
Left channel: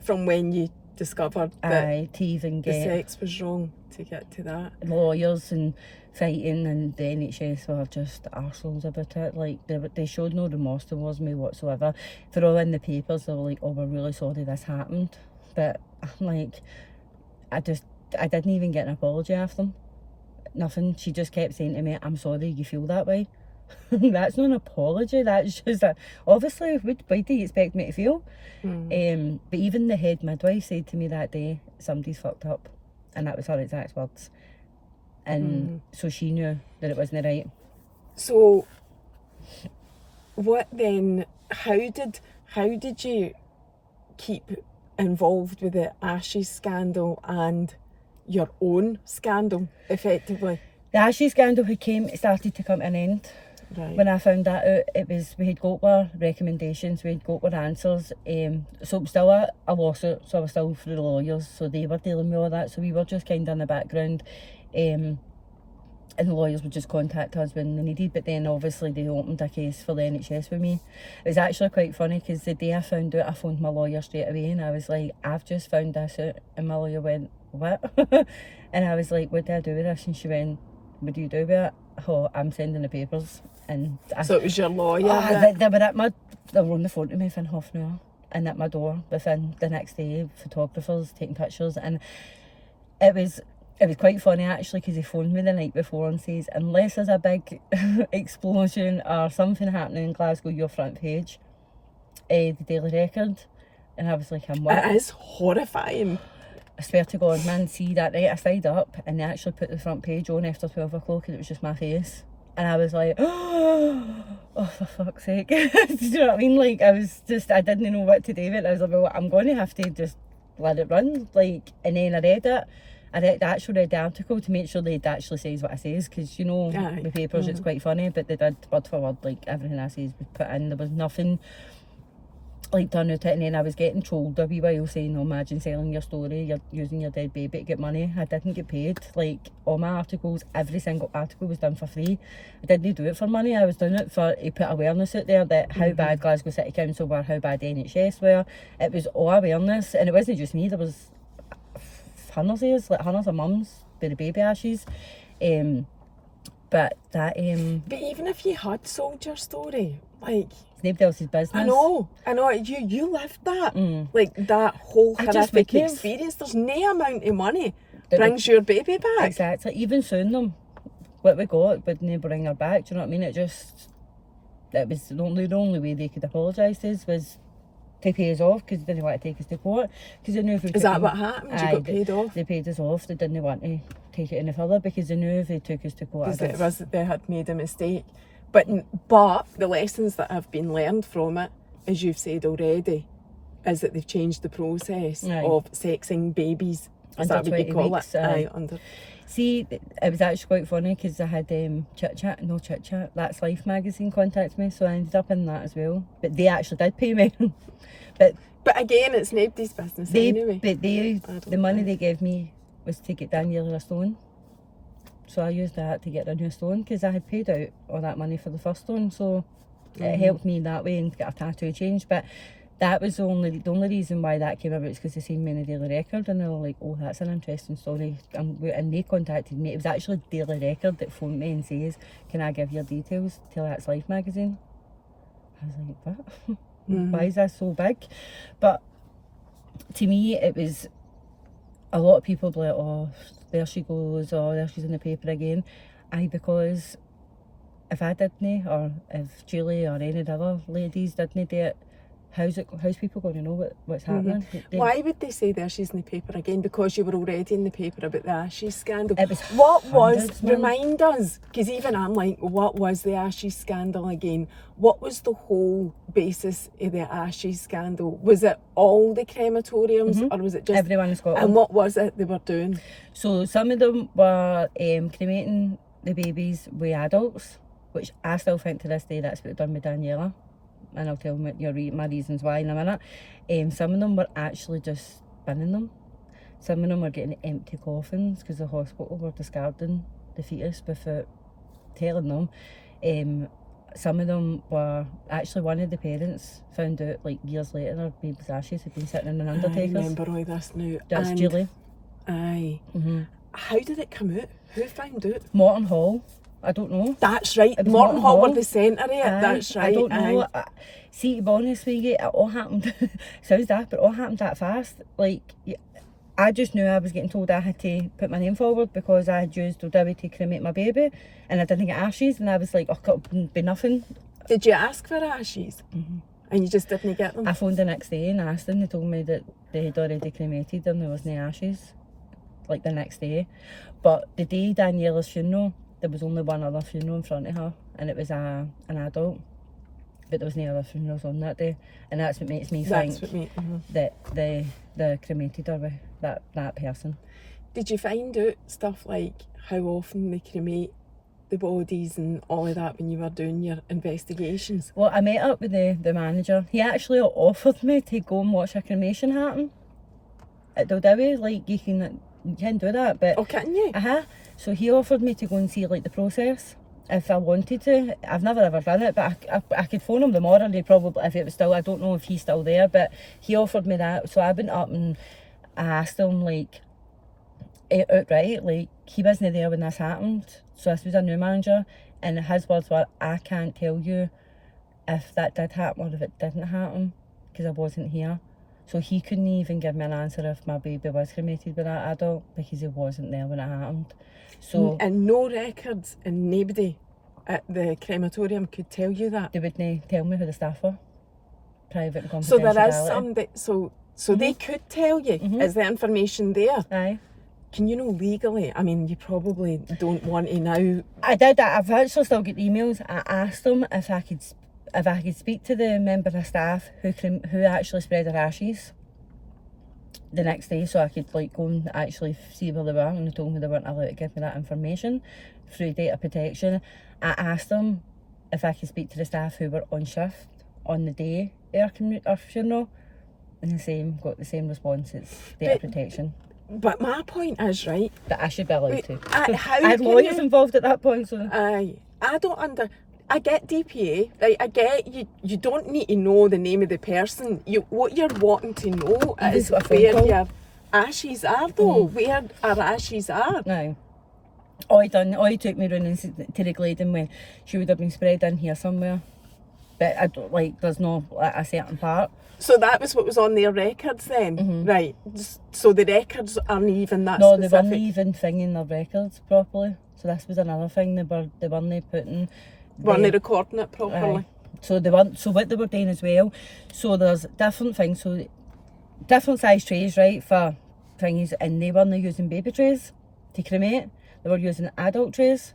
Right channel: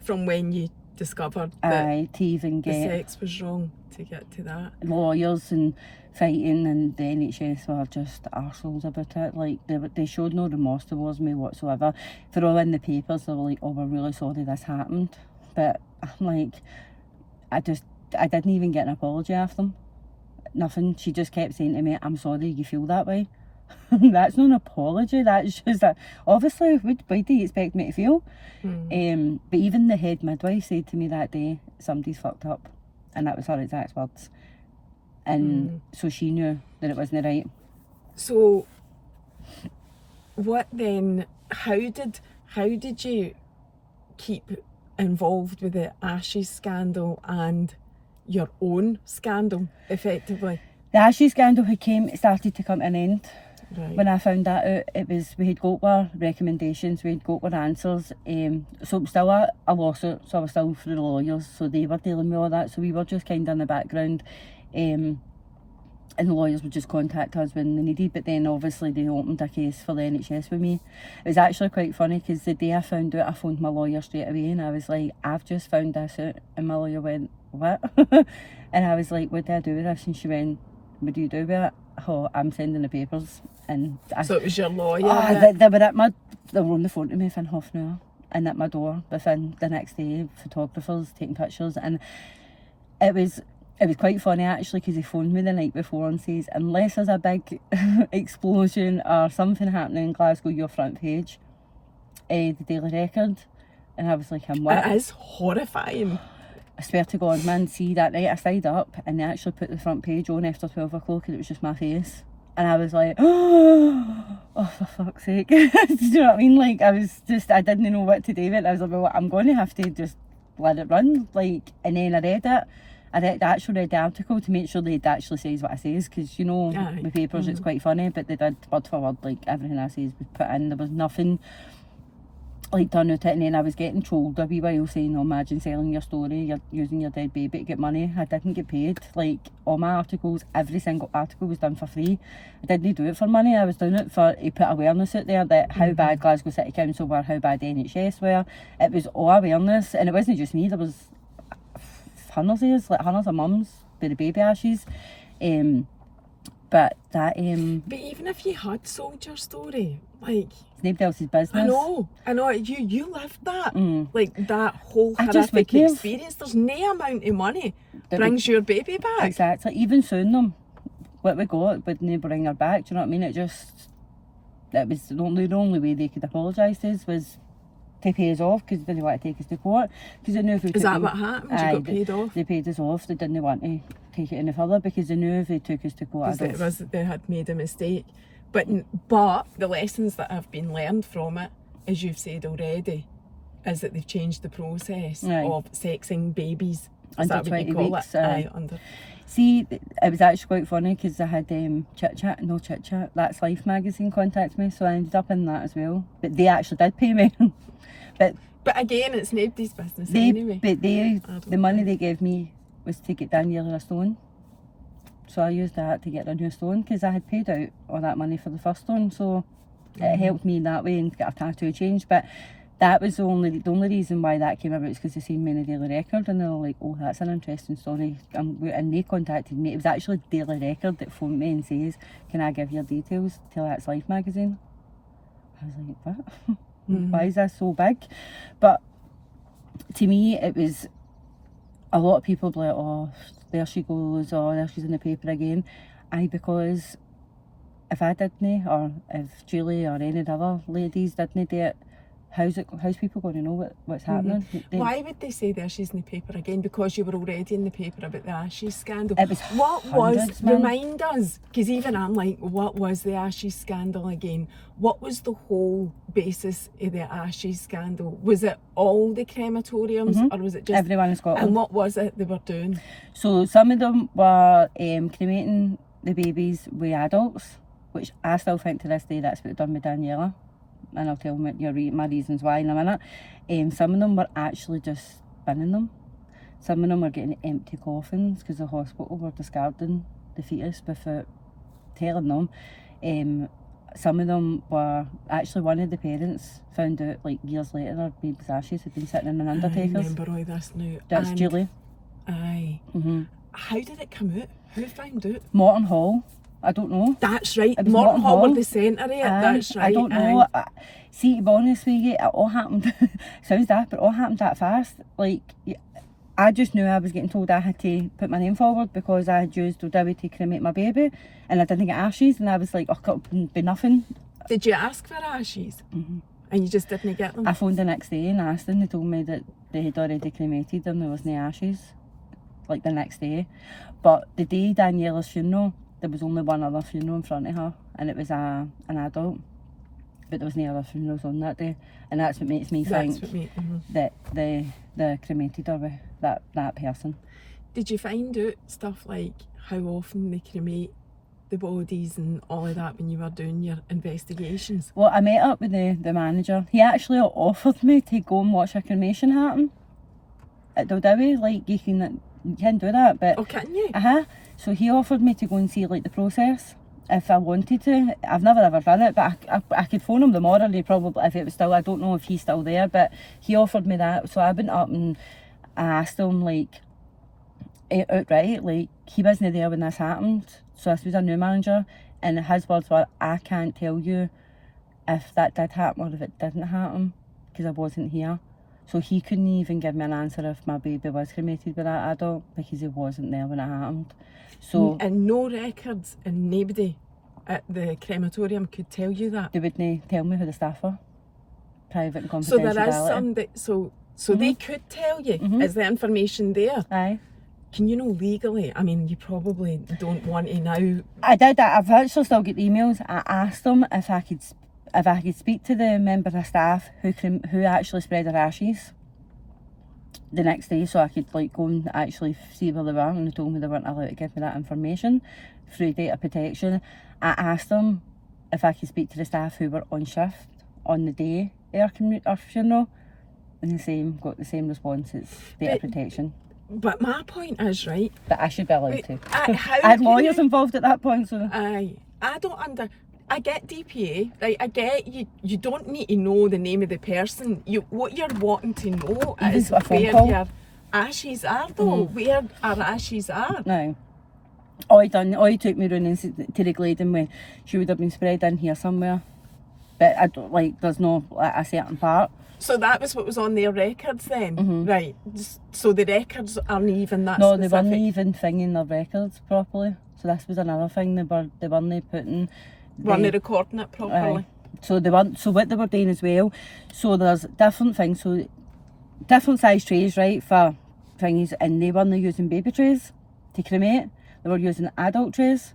From when you discovered that to even the get sex was wrong, to get to that. Lawyers and fighting, and the NHS were just arseholes about it. Like, they showed no remorse towards me whatsoever. They're all in the papers, they were like, oh, we're really sorry this happened. But I'm like, I didn't even get an apology off them. Nothing. She just kept saying to me, I'm sorry you feel that way. That's not an apology, that's just that, obviously, why do you expect me to feel? But even the head midwife said to me that day, somebody's fucked up. And that was her exact words. And so she knew that it wasn't right. So what then, how did you keep involved with the Ashes scandal and your own scandal, effectively? The Ashes scandal started to come to an end. Right. When I found that out, we had got our recommendations, we had got our answers. So it was still a lawsuit, so I was still through the lawyers, so they were dealing with all that. So we were just kind of in the background. and the lawyers would just contact us when they needed, but then obviously they opened a case for the NHS with me. It was actually quite funny because the day I found out, I phoned my lawyer straight away and I was like, I've just found this out, and my lawyer went, what? And I was like, what do I do with this? And she went, what do you do with it? Oh, I'm sending the papers. And so it was your lawyer? They were on the phone to me within half an hour and at my door within the next day, photographers taking pictures, and it was quite funny actually, because he phoned me the night before and says, unless there's a big explosion or something happening in Glasgow, your front page, the Daily Record. And I was like, I'm what? It is horrifying. I swear to God, man, see, that night I stayed up and they actually put the front page on after 12 o'clock and it was just my face. And I was like, oh, for fuck's sake. Do you know what I mean? Like, I didn't know what to do with it. I was like, well, I'm going to have to just let it run. Like, and then I read the article to make sure they actually says what I says, because, you know, the papers, it's quite funny, but they did word for word, like, everything I says was put in. There was nothing like done with it. And then I was getting trolled a wee while saying, oh, imagine selling your story, you're using your dead baby to get money. I didn't get paid. Like, all my articles, every single article was done for free. I didn't do it for money. I was doing it to put awareness out there that how bad Glasgow City Council were, how bad the NHS were. It was all awareness, and it wasn't just me. There was hundreds of mums with the baby ashes. But even if you had sold your story, like, it's nobody else's business. I know. You lived that, like, that whole horrific experience. There's no amount of money brings your baby back. Exactly. Even suing them, what we got wouldn't bring her back. Do you know what I mean? It was the only way they could apologise to us was to pay us off, because they didn't want to take us to court. Because they knew if we Is that what happened? You got paid off? They paid us off. They didn't want to take it any further because they knew if they took us to court, they had made a mistake. But the lessons that have been learned from it, as you've said already, is that they've changed the process of sexing babies. Is under that what you 20 call weeks. it? Under. See, it was actually quite funny because I had Chit Chat, That's Life magazine contact me, so I ended up in that as well. But they actually did pay me. But again, it's nobody's business anyway. But the money they gave me was to get Daniela a stone. So I used that to get a new stone, because I had paid out all that money for the first stone. So it helped me in that way and get a tattoo change. But that was the only reason why that came about, is because they seen me in the Daily Record and they were like, oh, that's an interesting story. And they contacted me. It was actually Daily Record that phoned me and says, can I give your details to That's Life magazine? I was like, what? Why is that so big? But to me, it was, a lot of people be like, oh, there she goes, or there she's in the paper again. Because if I didn't, or if Julie or any of the other ladies didn't do it, how's people going to know what's happening? Why would they say there she's in the paper again? Because you were already in the paper about the Ashes scandal. It was remind us, because even I'm like, what was the Ashes scandal again? What was the whole basis of the Ashes scandal? Was it all the crematoriums, or was it just everyone in Scotland? And what was it they were doing? So some of them were cremating the babies with adults, which I still think to this day that's what they've done with Daniela. And I'll tell them my reasons why in a minute. Some of them were actually just spinning them. Some of them were getting empty coffins because the hospital were discarding the fetus without telling them. Some of them were actually, one of the parents found out like years later her baby's ashes had been sitting in an undertaker's. I remember all this now. That's Julie. Aye. How did it come out? Who found out? Morton Hall. I don't know. That's right. Morton Hall were the centre of it. That's right. I don't know. See, to be honest with you, it all happened, sounds daft, but it all happened that fast. Like, I just knew I was getting told I had to put my name forward because I had used Odewi to cremate my baby and I didn't get ashes, and I was like, oh, it could be nothing. Did you ask for ashes? And you just didn't get them? I phoned the next day and asked them. They told me that they had already cremated and there was no ashes, like the next day. But the day Daniela's funeral, there was only one other funeral in front of her, and it was an adult. But there was no other funerals on that day, and that's what makes me think that they cremated her with that person. Did you find out stuff like how often they cremate the bodies and all of that when you were doing your investigations? Well, I met up with the manager. He actually offered me to go and watch a cremation happen at Daldowie. Like, you can do that, but... Oh, can you? So he offered me to go and see like the process if I wanted to. I've never ever done it, but I could phone him tomorrow and he probably, if it was still, I don't know if he's still there, but he offered me that. So I went up and I asked him like outright, like he wasn't there when this happened. So this was a new manager and his words were, I can't tell you if that did happen or if it didn't happen because I wasn't here. So he couldn't even give me an answer if my baby was cremated by that adult because he wasn't there when it happened. So and no records and nobody at the crematorium could tell you that. they wouldn't tell me who the staff were. Private and So confidentiality. there is some that, so they could tell you. Is the information there? Aye. Can you know legally? I mean, you probably don't want to now. I did that. I've actually still got emails. I asked them if I could speak to the member of staff who actually spread their ashes the next day, so I could like go and actually see where they were, and they told me they weren't allowed to give me that information through data protection. I asked them if I could speak to the staff who were on shift on the day of our funeral, and got the same response. It's data protection. But my point is, right, But I should be allowed to. how I had can lawyers you- involved at that point, so I get DPA, right? I get you don't need to know the name of the person. What you're wanting to know is got a phone where call. your ashes are, though. Where our ashes are. no. All he took me round to the Gladen when she would have been spread in here somewhere. But I don't like. There's no a certain part. So that was what was on their records then, right? So the records aren't even that No, specific. they weren't even thinging their records properly. So this was another thing. They weren't putting. Weren't they recording it properly? So they weren't. So what they were doing as well. So there's different things. So different size trays, right, for things, and they weren't using baby trays to cremate. They were using adult trays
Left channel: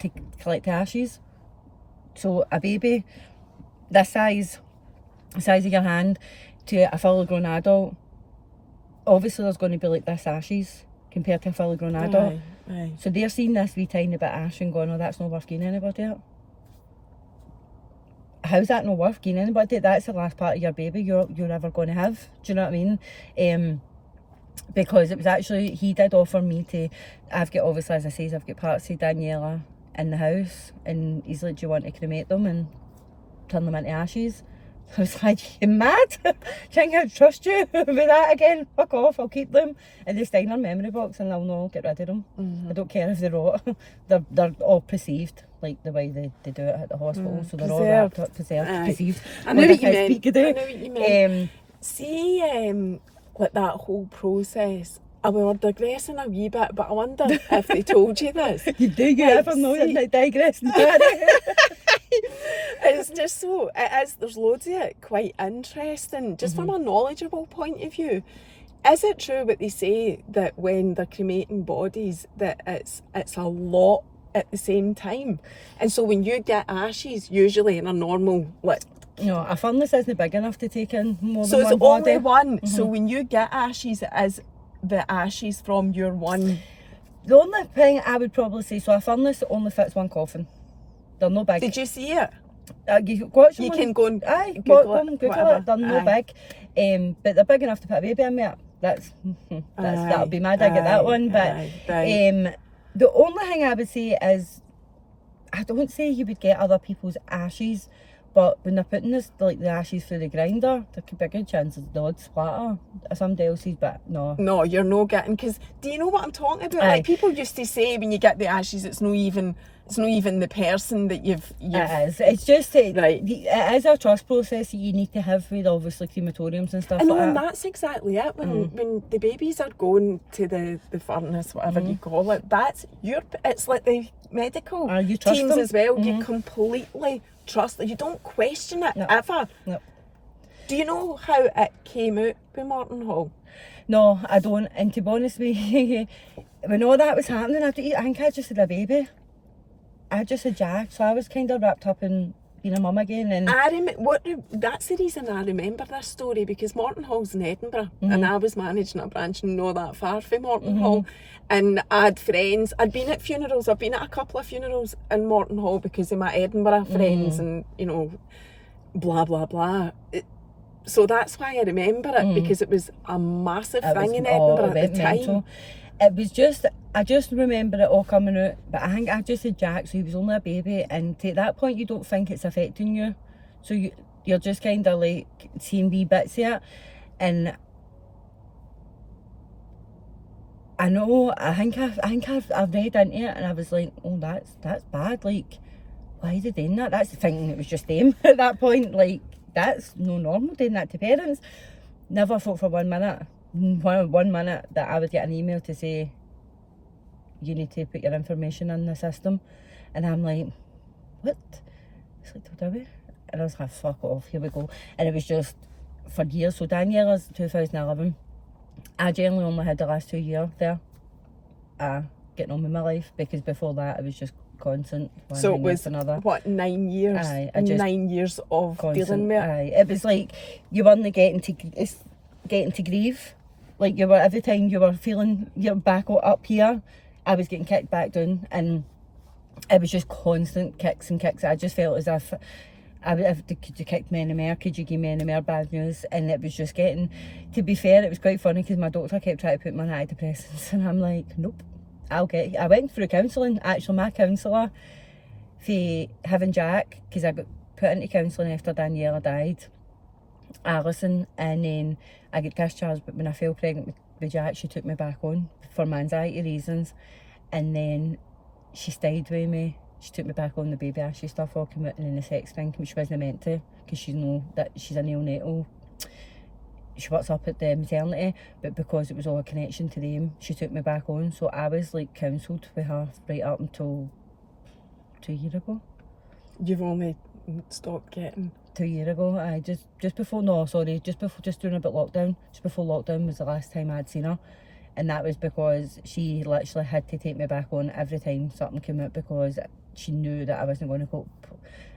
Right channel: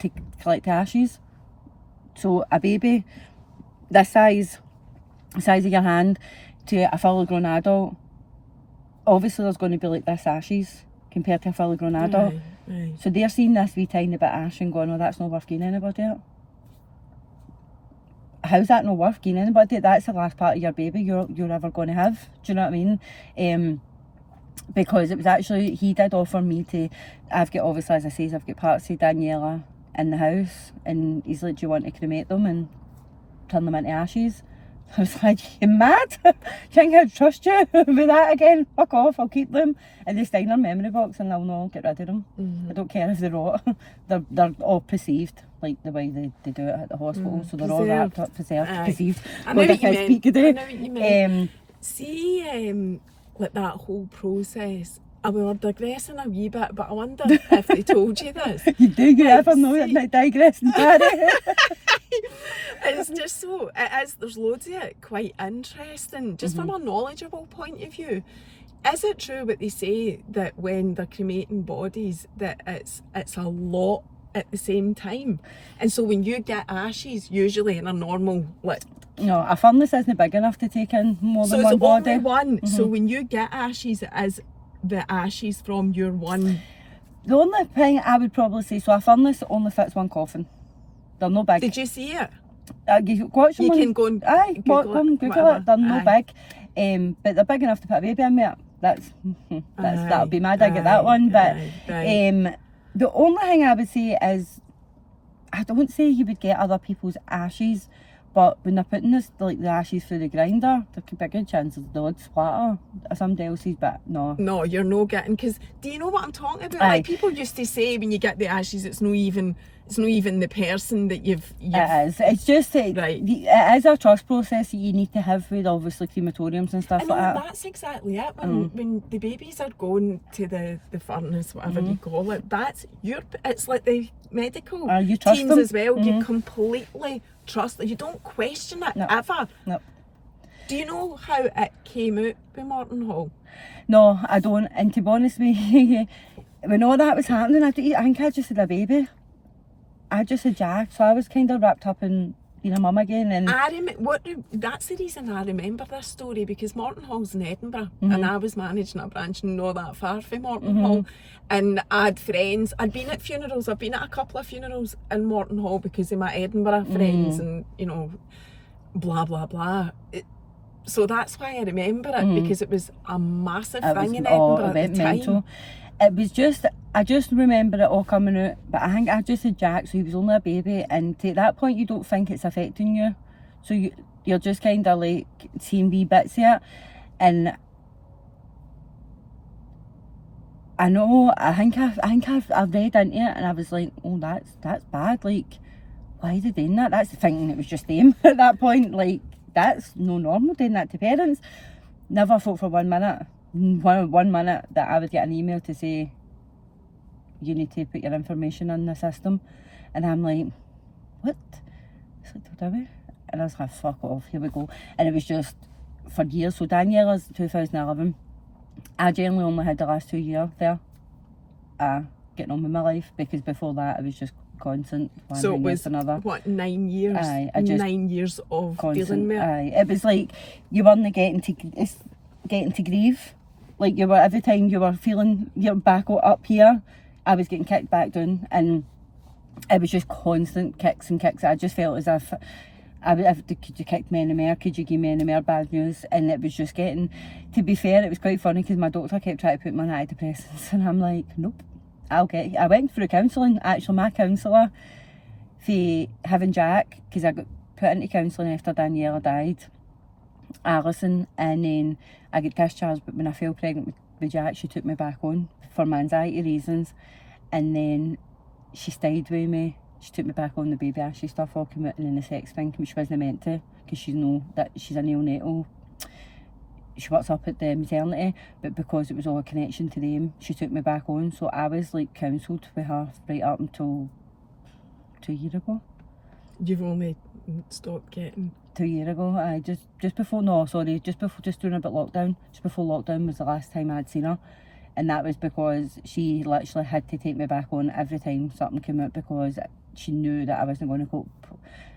to collect the ashes. So a baby this size of your hand to a fully grown adult, obviously there's going to be like this ashes compared to a fully grown adult. Aye. So they're seeing this wee tiny bit of ash and going, oh, that's not worth giving anybody it. How's that not worth giving anybody? That's the last part of your baby you're ever going to have. Do you know what I mean? Because it was actually, he did offer me to, I've got, obviously as I say, I've got parts of Daniela in the house, and he's like, do you want to cremate them and turn them into ashes? I was like, you mad? Can't I trust you with that again? Fuck off, I'll keep them. And they stay in their memory box and I'll not get rid of them. I don't care if they're rot. They're all perceived, like the way they do it at the hospital. So they're all wrapped up, perceived. I know what you meant. Speak today. I know what you meant. See, like that whole process. We were digressing a wee bit, but I wonder if they told you this. You do, you ever know you're not digressing, Barry? It's just so, there's loads of it quite interesting, just from a knowledgeable point of view. Is it true what they say that when they're cremating bodies that it's a lot at the same time? And so when you get ashes, usually in a normal, like, No, a furnace isn't big enough to take in more so than it's one body. only one. So when you get ashes, it is the ashes from your one. The only thing I would probably say, so a furnace only fits one coffin. They're no big. Did you see it? You watch them You on- can go and Aye, Google Google it, Google whatever. it. They're no Aye. big, but they're big enough to put a baby in with. That'll be my dig at that one. But aye. the only thing I would say is, I don't say you would get other people's ashes, but when they're putting this, like the ashes through the grinder, there could be a good chance they would splatter somebody else's, but no. No, you're no getting, because do you know what I'm talking about? Aye. Like people used to say when you get the ashes, it's not even the person that you've It is. It's just that Right. it is a trust process that you need to have with obviously crematoriums and stuff I know, like and that. that's exactly it. When the babies are going to the furnace, whatever you call it, it's like the medical You trust teams them. as well. You completely trust them. You don't question it No. ever. No. Do you know how it came out with Martin Hall? No, I don't. And to be honest with you, when all that was happening, I think I just had a baby. I just had Jack, so I was kind of wrapped up in being a mum again. And That's the reason I remember this story, because Martin Hall's in Edinburgh and I was managing a branch not that far from Martin Hall, and I had friends. I'd been at funerals. I've been at a couple of funerals in Martin Hall because of my Edinburgh friends and blah blah blah. So that's why I remember it, because it was a massive it thing was in all Edinburgh at the time. mental. It was just, I just remember it all coming out, but I think I just had Jack, so he was only a baby, and at that point you don't think it's affecting you, so you're just kind of like seeing wee bits of it, and I know, I think I've read into it, and I was like, oh, that's bad, like, why are they doing that? That's thinking it was just them at that point, like, that's no normal doing that to parents. Never thought for 1 minute, one minute, that I would get an email to say, you need to put your information in the system. And I'm like, what? It's like, do we? And I was like, fuck off, here we go. And it was just for years. So Daniela's 2011. I generally only had the last 2 years there getting on with my life, because before that it was just constant one So it thing was, after another. what, 9 years? Aye, I just 9 years of constant, dealing with it. aye. It was like you weren't getting to grieve. Like you were, every time you were feeling your back up here, I was getting kicked back down, and it was just constant kicks and kicks. I just felt as if could you kick me any more? Could you give me any more bad news? And it was just getting, to be fair, it was quite funny because my doctor kept trying to put me on antidepressants, and I'm like, nope, I went through counselling. Actually, my counsellor, for having Jack, because I got put into counselling after Daniela died, Alison, and then I got discharged, but when I fell pregnant with Jack, she took me back on for my anxiety reasons, and then she stayed with me. She took me back on, the baby ashy stuff all came out, and then the sex thing, which wasn't meant to, because she know that she's a neonatal. She works up at the maternity, but because it was all a connection to them, she took me back on. So I was like counselled with her right up until 2 years ago. You've only stopped getting... 2 years ago, just before during about lockdown. Just before lockdown was the last time I'd seen her. And that was because she literally had to take me back on every time something came out, because she knew that I wasn't going to cope.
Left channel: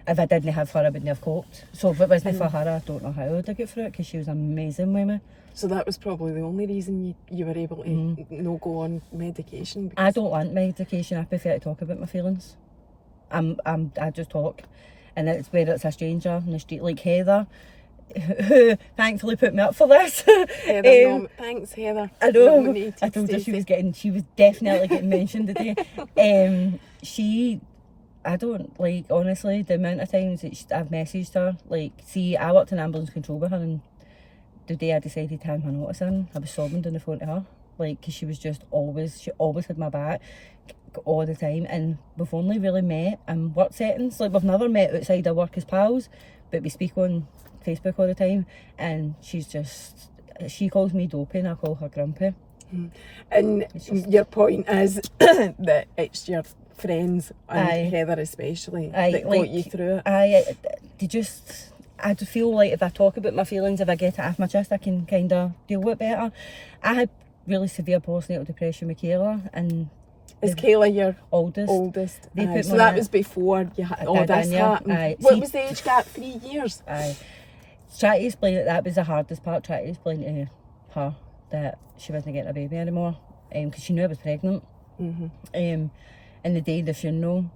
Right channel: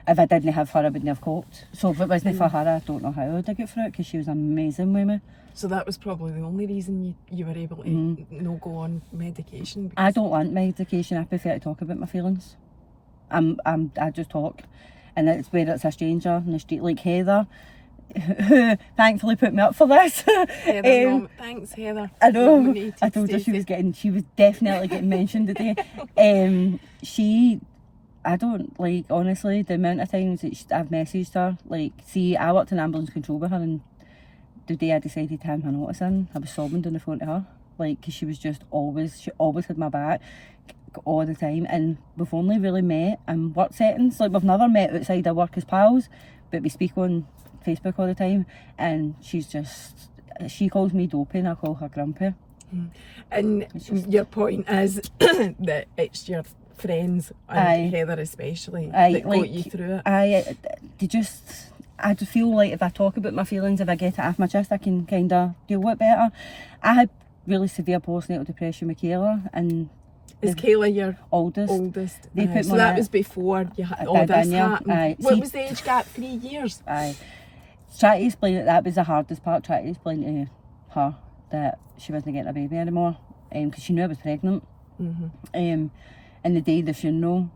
If I didn't have her, I wouldn't have coped. So if it wasn't for her, I don't know how I'd have got through it, because she was amazing with me. So that was probably the only reason you were able to not go on medication? I don't want medication. I prefer to talk about my feelings. I just talk. And it's whether it's a stranger in the street like Heather, who thankfully put me up for this. Heather, thanks Heather. I know. Nominated I told her Stacey. she was definitely getting mentioned today. I don't, like, honestly, the amount of times that I've messaged her, like, see, I worked in ambulance control with her, and the day I decided to hand her notice in, I was sobbing on the phone to her, like, because she always had my back all the time, and we've only really met in work settings. Like, we've never met outside our work as pals, but we speak on Facebook all the time, and she calls me dopey and I call her grumpy. And your point is that it's your friends, and Heather especially, that got you through it. I just feel like if I talk about my feelings, if I get it off my chest, I can kind of deal with it better. I had really severe postnatal depression with Kayla, and is Kayla your oldest? They put so that was before you had all this happened. What was the age gap? 3 years? Try to explain it. That was the hardest part. Try to explain to her that she wasn't getting a baby anymore, because she knew I was pregnant. And the day of the funeral,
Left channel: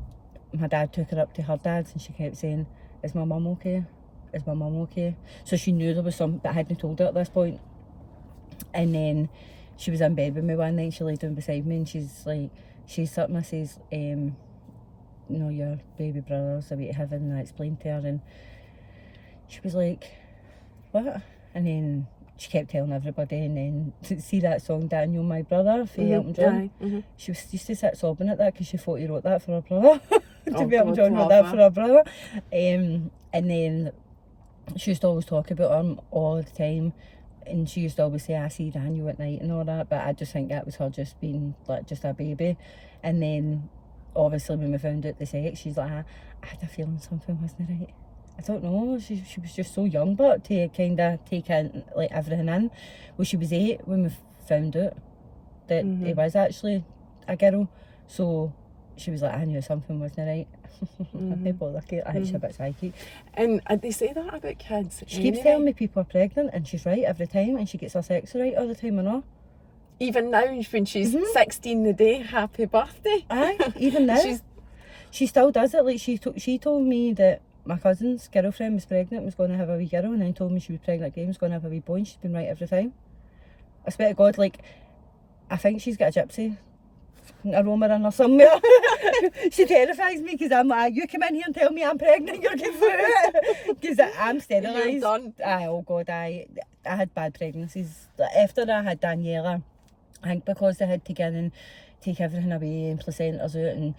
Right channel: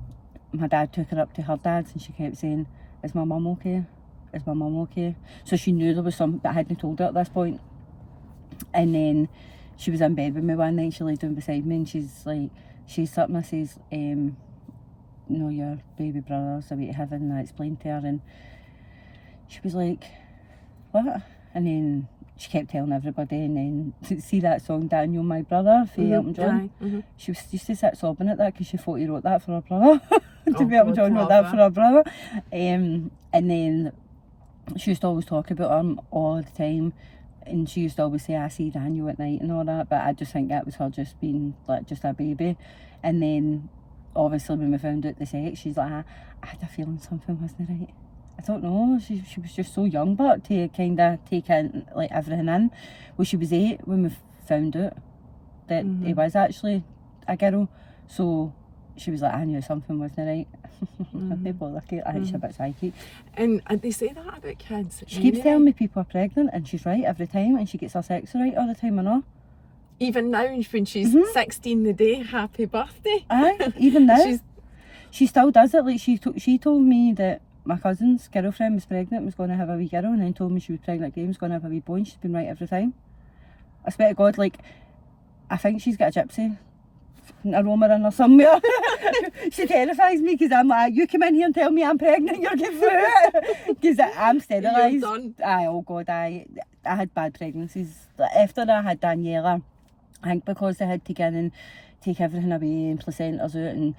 my dad took her up to her dad's, and she kept saying, "Is my mum okay? Is my mum okay?" So she knew there was something, but I hadn't told her at this point. And then she was in bed with me one night. She lay down beside me, and she's something. I says, your baby brother's away to heaven. And I explained to her, and she was like, what? And then she kept telling everybody, and then see that song Daniel, My Brother, for Elton John. She used to sit sobbing at that because she thought he wrote that for her brother. Elton John wrote that for her brother. And then she used to always talk about him all the time, and she used to always say, I see Daniel at night and all that, but I just think that was her just being like just a baby. And then obviously when we found out the sex, she's like, I had a feeling something wasn't right. I don't know, she was just so young, but to kind of take in like everything in. Well, she was 8 when we found out that he was actually a girl, so she was like, I knew something wasn't right. Maybe I think she's a bit psychic. And they say that about kids. She keeps telling me people are pregnant, and she's right every time, and she gets her sex right all the time, I know. Even now, when she's 16 the day, happy birthday. Aye, even now. She still does it. Like, she told me that my cousin's girlfriend was pregnant, was going to have a wee girl, and then told me she was pregnant again, was going to have a wee boy, and she's been right every time. I swear to God, like, I think she's got a gypsy aroma in her somewhere. She terrifies me because I'm like, you come in here and tell me I'm pregnant, you're getting through it. Because I'm sterilised. You're done. Oh God, I had bad pregnancies. After I had Daniela, I think because they had to get in and take everything away and placentas out and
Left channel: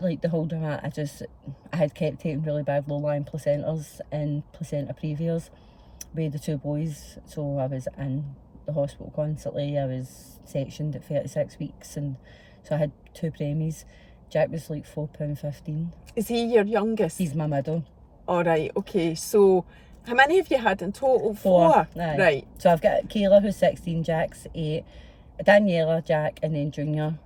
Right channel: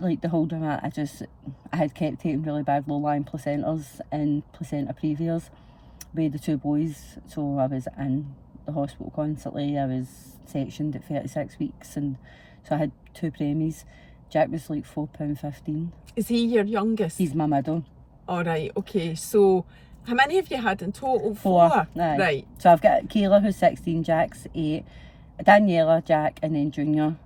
like the whole drama, I had kept taking really bad low-lying placentas and placenta previas with the 2 boys. So I was in the hospital constantly. I was sectioned at 36 weeks, and so I had 2 preemies. Jack was like £4.15. Is he your youngest? He's my middle. All right, okay. So how many have you had in total? 4? Aye. Right. So I've got Kayla, who's 16, Jack's 8, Daniela, Jack, and then Junior.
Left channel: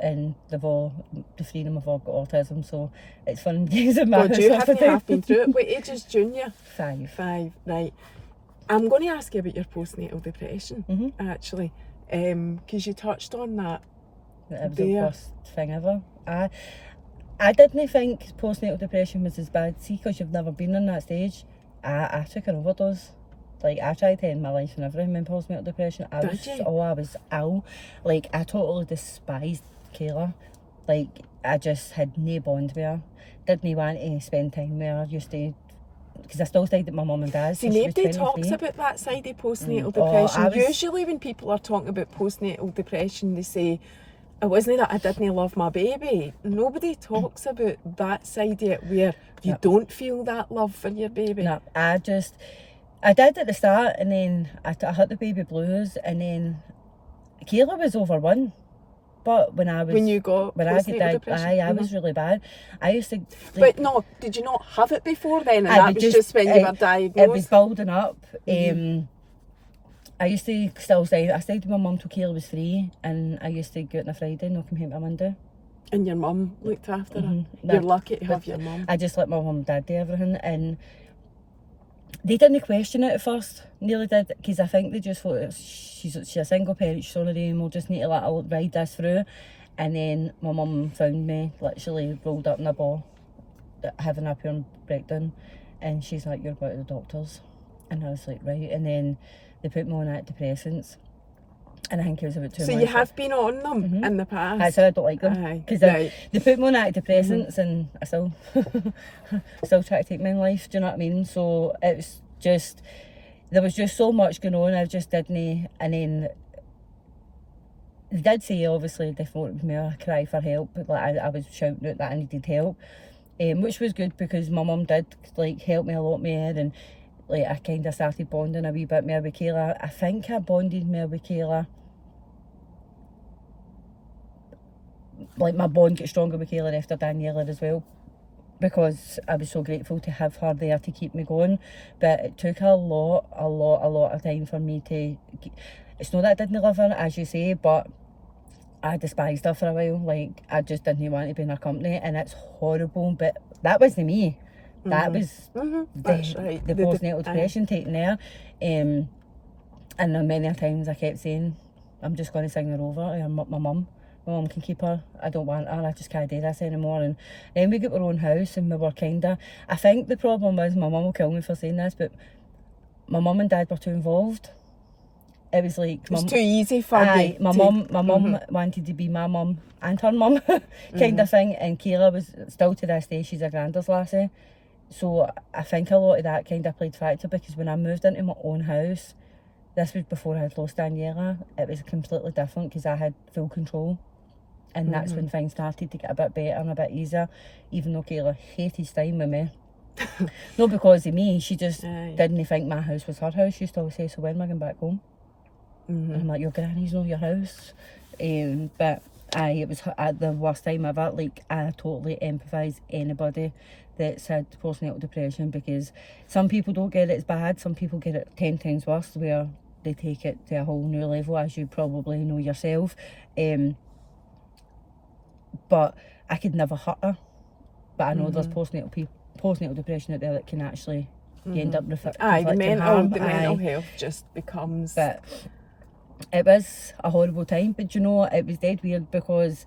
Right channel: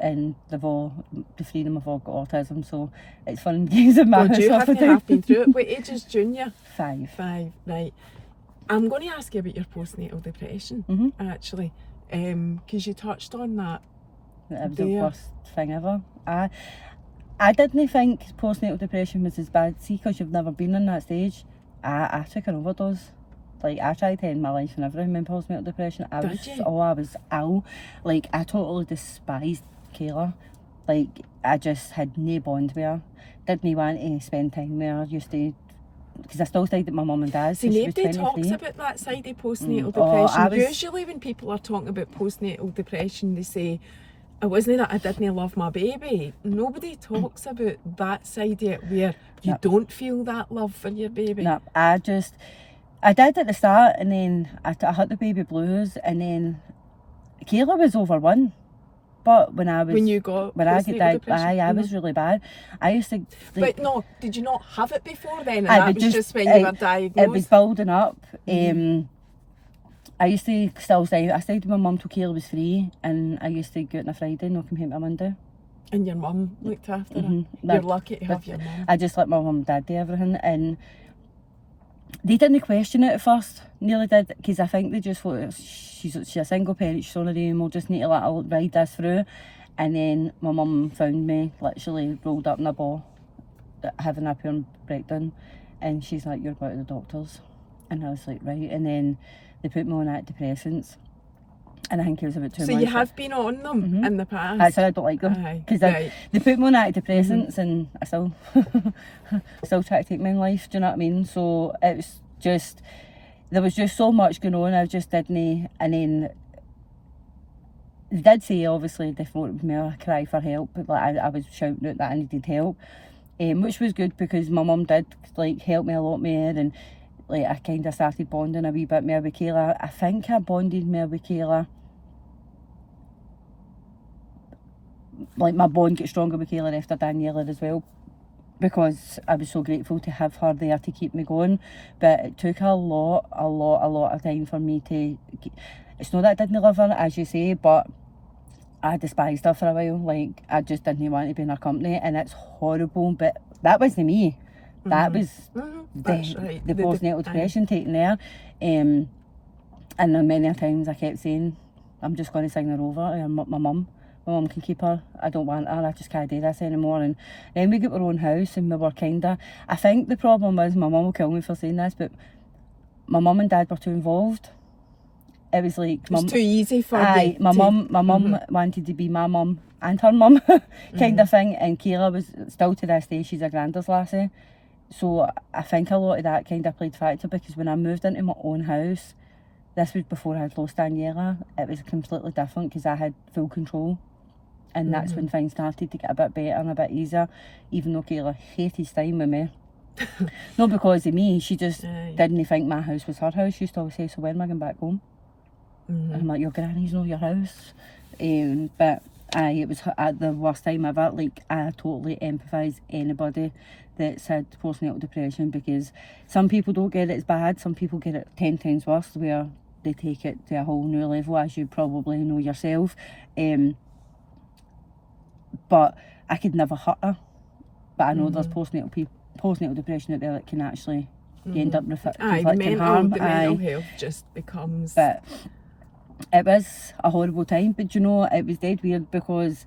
And the 3 of them have all got autism, so it's fun games in my house. You have been through it. What age is Junior? 5. 5, right. I'm going to ask you about your postnatal depression, actually, because you touched on that. It was the worst thing ever. I didn't think postnatal depression was as bad. See, because you've never been in that stage, I took an overdose. Like, I tried to end my life and everything in postnatal depression. I was ill. Like, I totally despised Kayla. Like, I just had no bond with her. Didn't want to spend time with her. Used to, because I still stayed at my mum and dad's. See, nobody talks about that side of postnatal depression. Usually when people are talking about postnatal depression, they say, it wasn't that I didn't love my baby. Nobody talks about that side of it where you don't feel that love for your baby. No, I did at the start, and then I hit the baby blues, and then Kayla was over 1. But when I was really bad. I used to. Like, but no, did you not have it before then? And that was just when you were diagnosed? It was building up. I used to still stay. I stayed with my mum till Kayla was 3, and I used to go out on a Friday and not come home on a Monday. And your mum looked after her. You're lucky to have your mum. I just let my mum and dad do everything, and they didn't question it at first. Nearly did, because I think they just thought she's a single parent, she's on her own, we'll just need to let her ride this through. And then my mum found me literally rolled up in a ball, having a pure breakdown, and she's like, you're going to the doctors. And I was like, right. And then they put me on antidepressants, and I think it was about 2 months. So you have been on them in the past? I said I don't like them, because they put me on antidepressants, and I still try to take my own life, do you know what I mean? So it was just, there was just so much going on, I just didn't. And then they did say, obviously, they thought it was me a cry for help, but like I was shouting out that I needed help, which was good, because my mum did like help me a lot more, and like I kind of started bonding a wee bit more with Kayla. I think I bonded more with Kayla. Like, my bond got stronger with Kayla after Daniela as well, because I was so grateful to have her there to keep me going. But it took a lot of time for me to. It's not that I didn't love her, as you say, but I despised her for a while. Like, I just didn't want to be in her company, and it's horrible. But that wasn't me. That was the postnatal depression taking there. And then many times I kept saying, I'm just going to sign her over. I'm my mum. My mum can keep her. I don't want her. I just can't do this anymore. And then we got our own house, and we were I think the problem was, my mum will kill me for saying this, but my mum and dad were too involved. It was like, it was too easy for you. My mum wanted to be my mum and her mum kind of thing, and Kayla was still to this day, she's a granddad's lassie. So I think a lot of that kind of played factor, because when I moved into my own house, this was before I had lost Daniela, it was completely different, because I had full control. And that's when things started to get a bit better and a bit easier, even though Kayla hated staying with me. Not because of me, she just didn't think my house was her house. She used to always say, so when am I going back home? And I'm like, your granny's not your house. But it was the worst time ever. Like, I totally empathise anybody that's had postnatal depression, because some people don't get it as bad, some people get it 10 times worse, where they take it to a whole new level, as you probably know yourself. But I could never hurt her. But I know there's postnatal depression out there that can actually end up inflicting harm. The mental health just becomes. But it was a horrible time. But you know, it was dead weird, because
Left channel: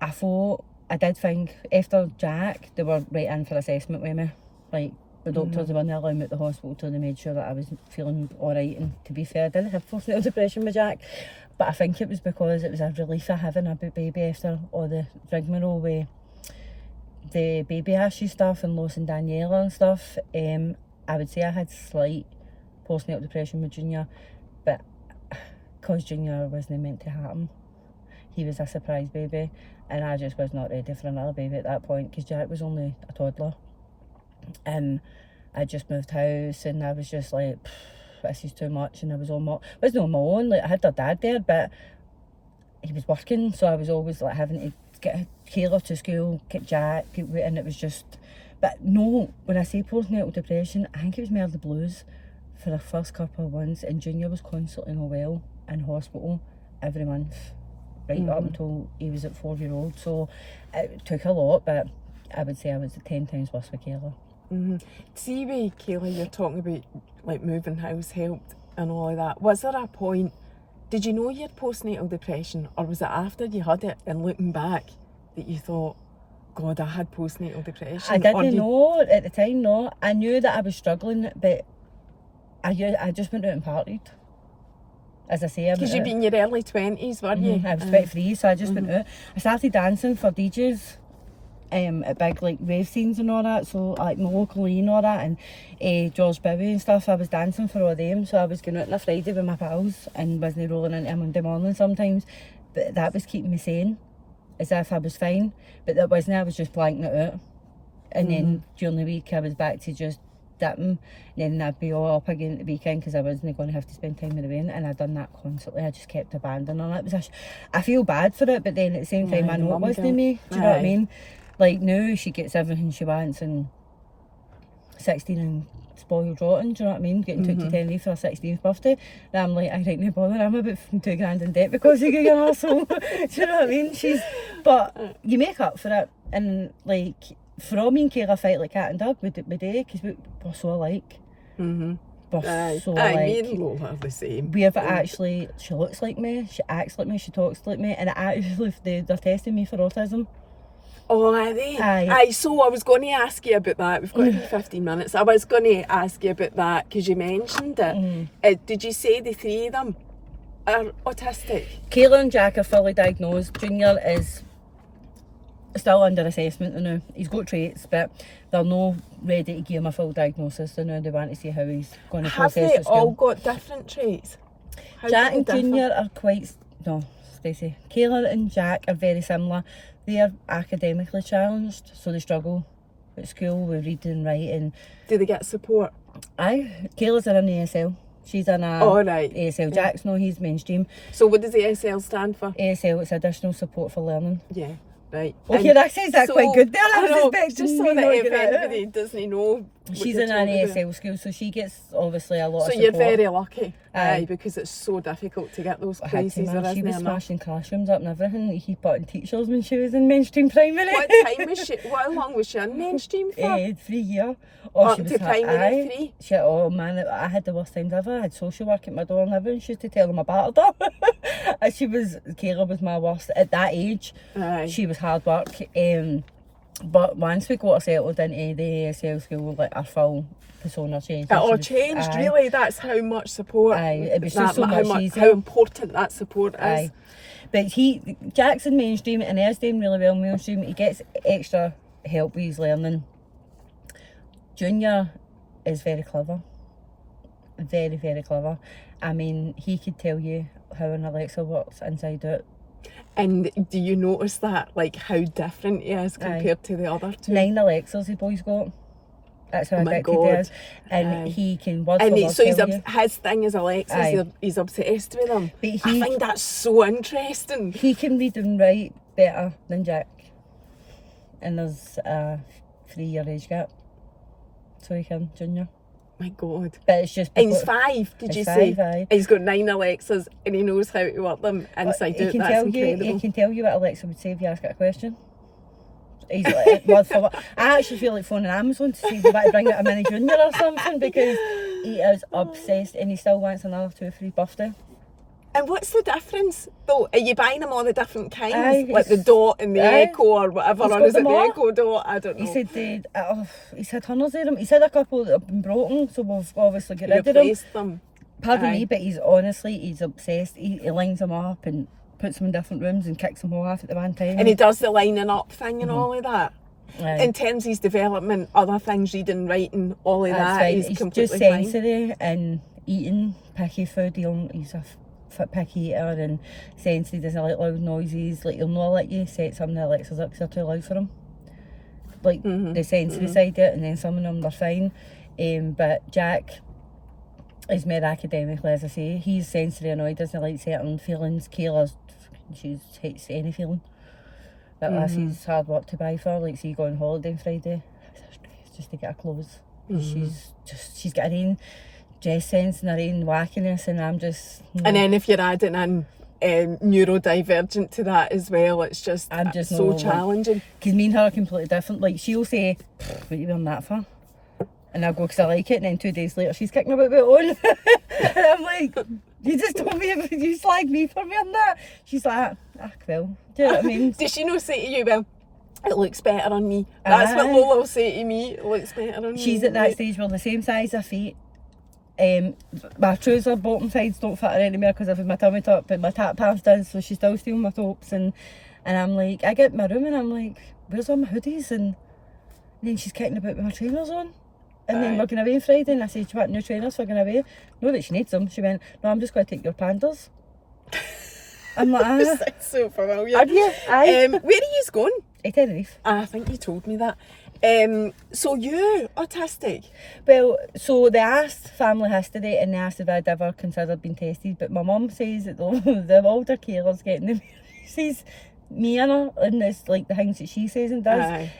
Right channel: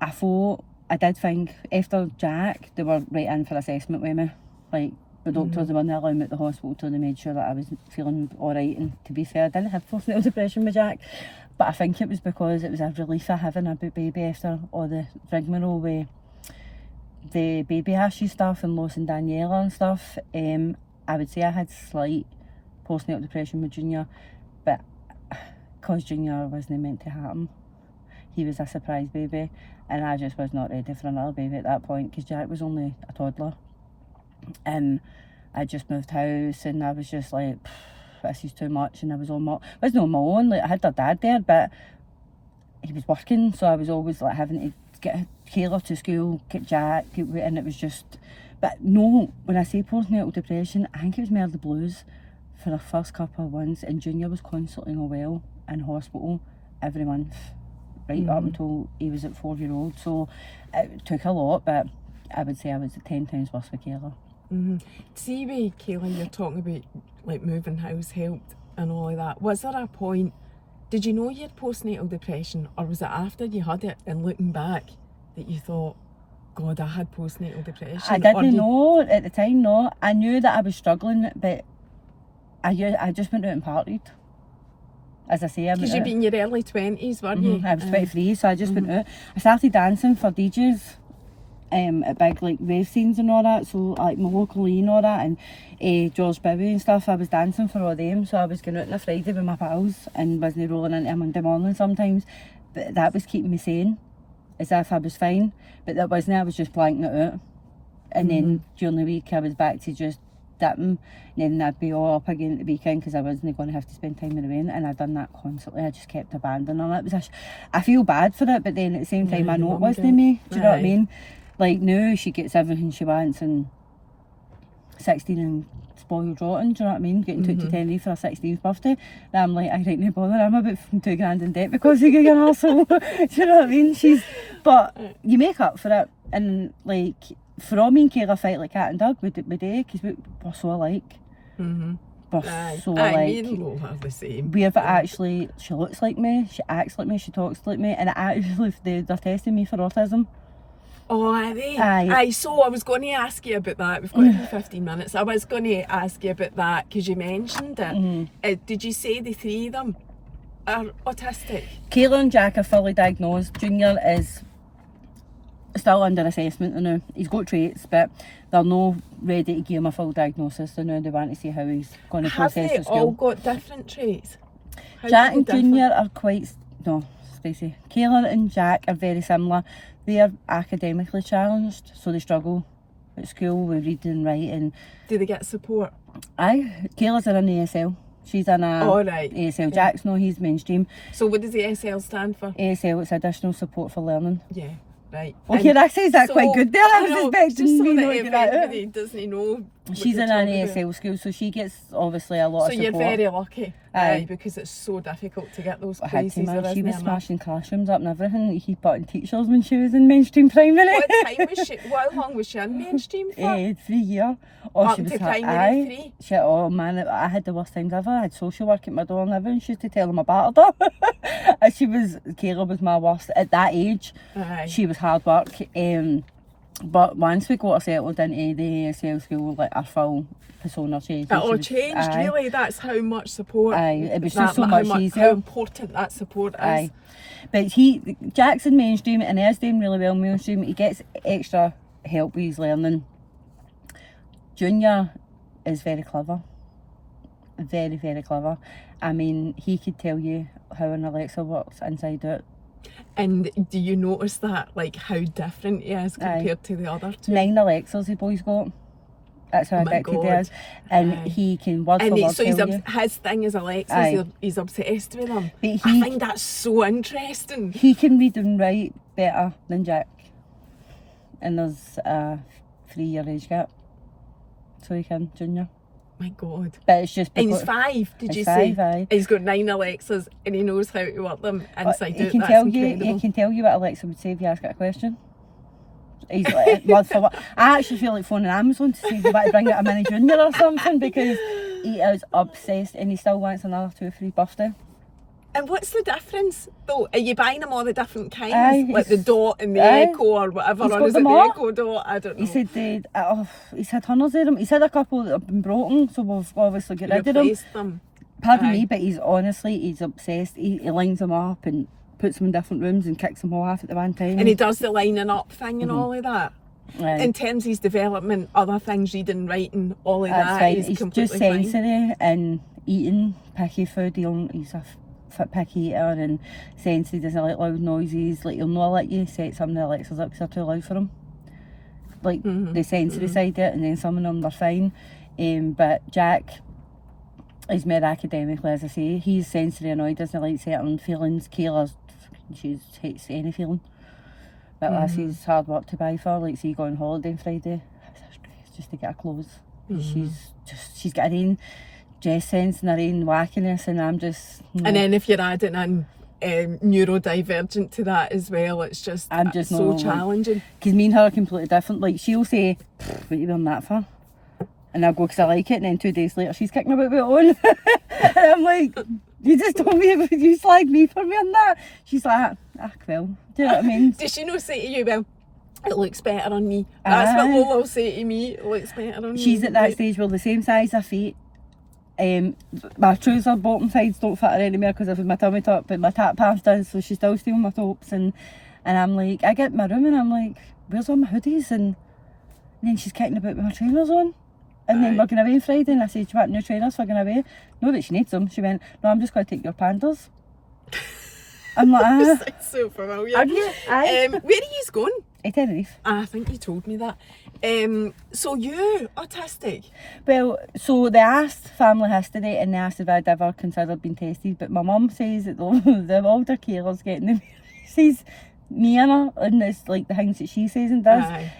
I did think after Jack, they were right in for assessment with me. Like, the doctors were not allowing me at the hospital till they made sure that I was feeling alright. And to be fair, I didn't have postnatal depression with Jack. But I think it was because it was a relief of having a baby after all the rigmarole with the baby issue stuff and losing Daniela and stuff. I would say I had slight postnatal depression with Junior, but because Junior wasn't meant to happen, he was a surprise baby, and I just was not ready for another baby at that point because Jack was only a toddler. And I just moved house, and I was just like, this is too much, and I was on my, I wasn't on my own, like I had their dad there, but he was working, so I was always like having to get Kayla to school, get Jack, and it was just, but no, when I say postnatal depression, I think it was more the blues for the first couple of months, and Junior was constantly not well in hospital every month, right up until he was at 4-year-old, so it took a lot, but I would say I was 10 times worse with Kayla. See with Kayla, you're talking about like moving house helped and all of that. Was there a point, did you know you had postnatal depression, or was it after you had it and looking back that you thought, God, I had postnatal depression? I didn't know at the time, no. I knew that I was struggling, but I just went out and partied. As I say, because you'd been in your early 20s, weren't you? I was 23, so I just went out. I started dancing for DJs at big like rave scenes and all that, so like my local E and all that, and George Bowie and stuff. I was dancing for all them, so I was going out on a Friday with my pals and wasn't rolling into a Monday morning sometimes, but that was keeping me sane, as if I was fine, but that wasn't. I was just blanking it out, and then during the week I was back to just dipping, and then I'd be all up again at the weekend because I wasn't going to have to spend time with the rain, and I'd done that constantly. I just kept abandoning it. I feel bad for it, but then at the same time I know it wasn't me. Do you know what I mean? Like now she gets everything she wants, and 16 and spoiled rotten, do you know what I mean? Getting took to Tenerife for her 16th birthday. And I'm like, I don't know bother, I'm about £2,000 in debt because you get an arsehole. Do you know what I mean? But you make up for it, and like for all me and Kayla fight like cat and dog with day, because we're so alike. We're so alike. Me and Lola are the same. We have actually, she looks like me, she acts like me, she talks like me, and actually they're testing me for autism. Oh, are they? Aye. So I was going to ask you about that. We've got only 15 minutes. I was going to ask you about that because you mentioned it. Did you say the three of them are autistic? Kayla and Jack are fully diagnosed. Junior is still under assessment now. He's got traits, but they're not ready to give him a full diagnosis. So now they want to see how he's going to process at school. Have they all got different traits? Jack and Junior are quite... No, Stacey. Kayla and Jack are very similar. They are academically challenged, so they struggle at school with reading and writing. Do they get support? Aye. Kayla's in an ASL. She's in a ASL. Jack's no, he's mainstream. So what does the ASL stand for? ASL, it's additional support for learning. Yeah, right. Well, your accent's quite good there. I was expecting just so me that not to if get that anybody doesn't know. She's in an ASL school, so she gets obviously a lot of support. So you're very lucky. Aye, because it's so difficult to get those places. She was smashing classrooms up and everything to keep putting teachers when she was in mainstream primary. What time was she? How long was she in mainstream for? 3 years. Up to primary 3? Oh man, I had the worst times ever. I had social work at my door and everything. She used to tell them about her. Kayla was my worst. At that age, she was hard work. But once we got her settled into the ASL school, like our full persona changed. It all changed, really. That's how much support. It was just so much easier. How important that support is. But Jack's in mainstream and he's doing really well in mainstream. He gets extra help with his learning. Junior is very clever. Very, very clever. I mean, he could tell you how an Alexa works inside out. And do you notice that, like how different he is compared to the other two? 9 Alexas the boy's got. That's how addicted he is. And he can word for word so tell you. His thing is Alexas, he's obsessed with them. I think that's so interesting. He can read and write better than Jack. And there's a 3-year age gap. So he can, Junior. My God. But it's just... And he's 5, did you say? 5, aye. He's got 9 Alexas and he knows how to work them inside out. That's incredible. He can tell you what Alexa would say if you ask it a question. He's like, word for word. I actually feel like phoning Amazon to see if you want to bring out a mini Junior or something, because he is obsessed and he still wants another 2 for his birthday. And what's the difference though? Are you buying them all the different kinds? Like the dot and the echo or whatever? Or is it the echo dot? I don't know. He said he's had hundreds of them. He's had a couple that have been broken, so we've obviously got rid of them. them. pardon me, but he's obsessed. He lines them up and puts them in different rooms and kicks them all off at the one time. And he does the lining up thing and all of that. Aye. In terms of his development, other things, reading, writing, all of That's that, fine. he's He's completely just fine. sensory and eating picky food. He's a picky eater and sensory, doesn't like loud noises. Like, he'll not let you set some of the Alexas up because they're too loud for him. Like, the sensory side of it, and then some of them are fine. But Jack is more academically, as I say. He's sensory annoyed, doesn't like certain feelings. Kayla, she hates any feeling. But Lassie's hard work to buy for. Like, see, go on holiday on Friday, just to get her clothes. She's got her own dress sense and her own wackiness, and I'm just... No. And then if you're adding in neurodivergent to that as well, it's just, I'm just so no, challenging. Because me and her are completely different. Like, she'll say, what are you wearing that for? And I'll go, because I like it, and then 2 days later she's kicking about it on. And I'm like, you just told me, you slagged me for wearing that. She's like, well, do you know what I mean? Does she not say to you, well, it looks better on me? That's what Lola will say to me, it looks better on me. She's at that stage where the same size her feet. My trouser bottom sides don't fit her anymore because I've had my tummy tuck, but my tap pants does, so she's still stealing my tops. And I'm like, I get in my room and I'm like, where's all my hoodies? And then she's kicking about with her trainers on. And then we're going away on Friday, and I said, do you want new trainers for going away? No, that she needs them. She went, no, I'm just going to take your pandas. I'm like, That's so familiar. Are you? Aye. Where are you going? Tenerife. I think you told me that. So you autistic? Well, so they asked family history and they asked if I'd ever considered being tested, but my mum says that the older carers getting the says me and her, and it's like the things that she says and does. Aye.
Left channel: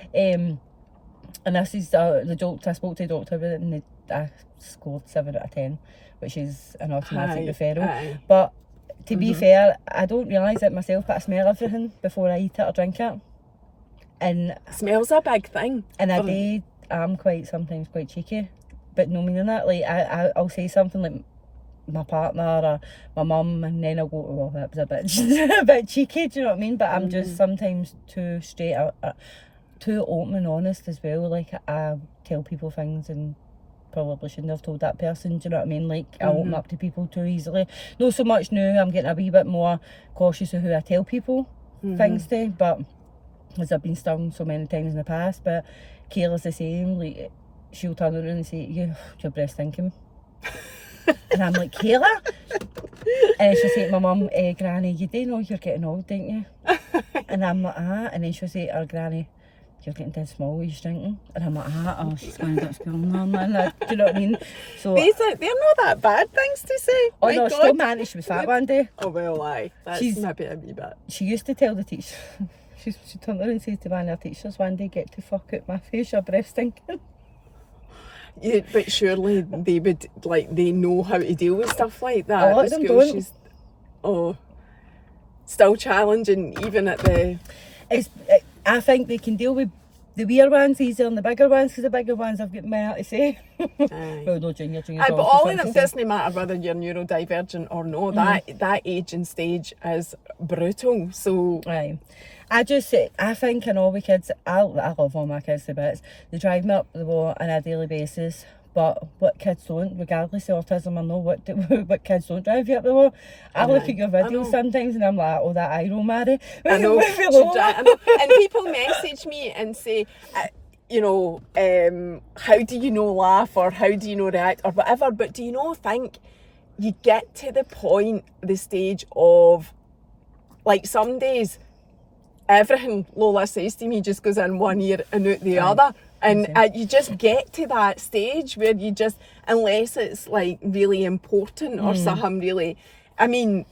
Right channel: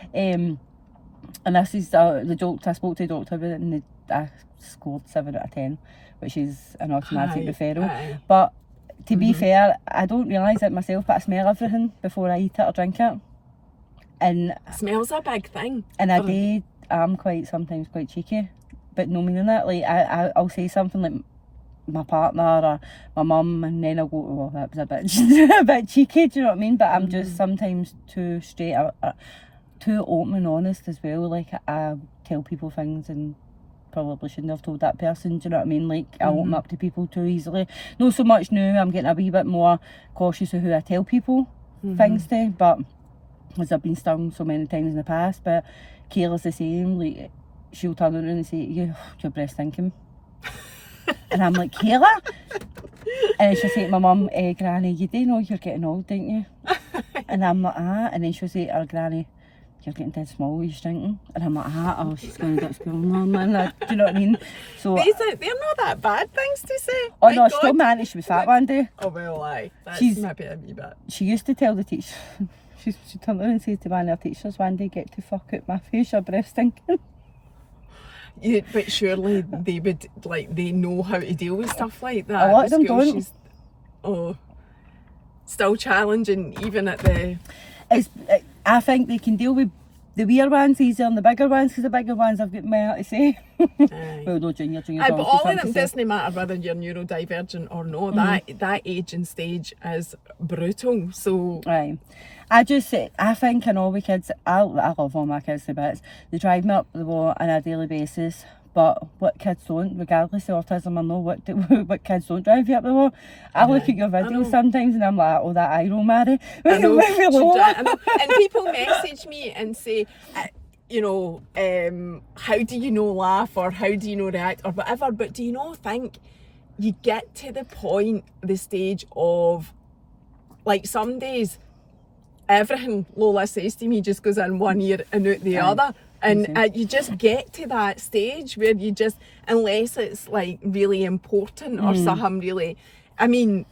And this is the joke. I spoke to the doctor about it, and I scored 7 out of 10, which is an automatic referral. Aye. But to be fair, I don't realise it myself, but I smell everything before I eat it or drink it. And Smell's a big thing. and I'm sometimes quite cheeky, but no meaning that. Like, I'll say something like my partner or my mum, and then I'll go, well, that was a bit cheeky, do you know what I mean? But I'm just sometimes too straight, too open and honest as well. Like, I tell people things and probably shouldn't have told that person, do you know what I mean? Like, I open up to people too easily. Not so much now, I'm getting a wee bit more cautious of who I tell people things to, but as I've been stung so many times in the past. But Kayla's the same. Like, she'll turn around and say, your breast stinking. And I'm like, Kayla? And she'll say to my mum, Granny, you do know you're getting old, don't you? And I'm like, and then she'll say to her Granny, you're getting dead small, you're shrinking. And I'm like, she's going to get spilling on, man. Do you know what I mean? So They're not that bad things to say. oh My no, God. still managed. She was fat one day. Oh, well, aye. That's She's- maybe a wee bit. She used to tell the teacher, she turned around and said to one of her teachers one day, get to fuck out my face, your breath stinking. Yeah, but surely they would, like, they know how to deal with stuff like that. A lot at of them school. don't. Still challenging, even at the... I think they can deal with the weird ones easier than the bigger ones, because the bigger ones I've got more to say. Well, no, junior's Aye, but always all something of them, to say. doesn't matter whether you're neurodivergent or no, that age and stage is brutal. So Aye. I think in all the kids, I love all my kids to bits. They drive me up the wall on a daily basis. But what kids don't, regardless of autism or no, what kids don't drive you up the wall. I look at your videos sometimes and I'm like, oh, that eye roll, Mary. I know, I know. and people message me and say, how do you know laugh, or how do you know react, or whatever, but do you not think you get to the stage of, like, some days everything Lola says to me just goes in one ear and out the other, and you just get to that stage where you just, unless it's like really important or something really, I mean,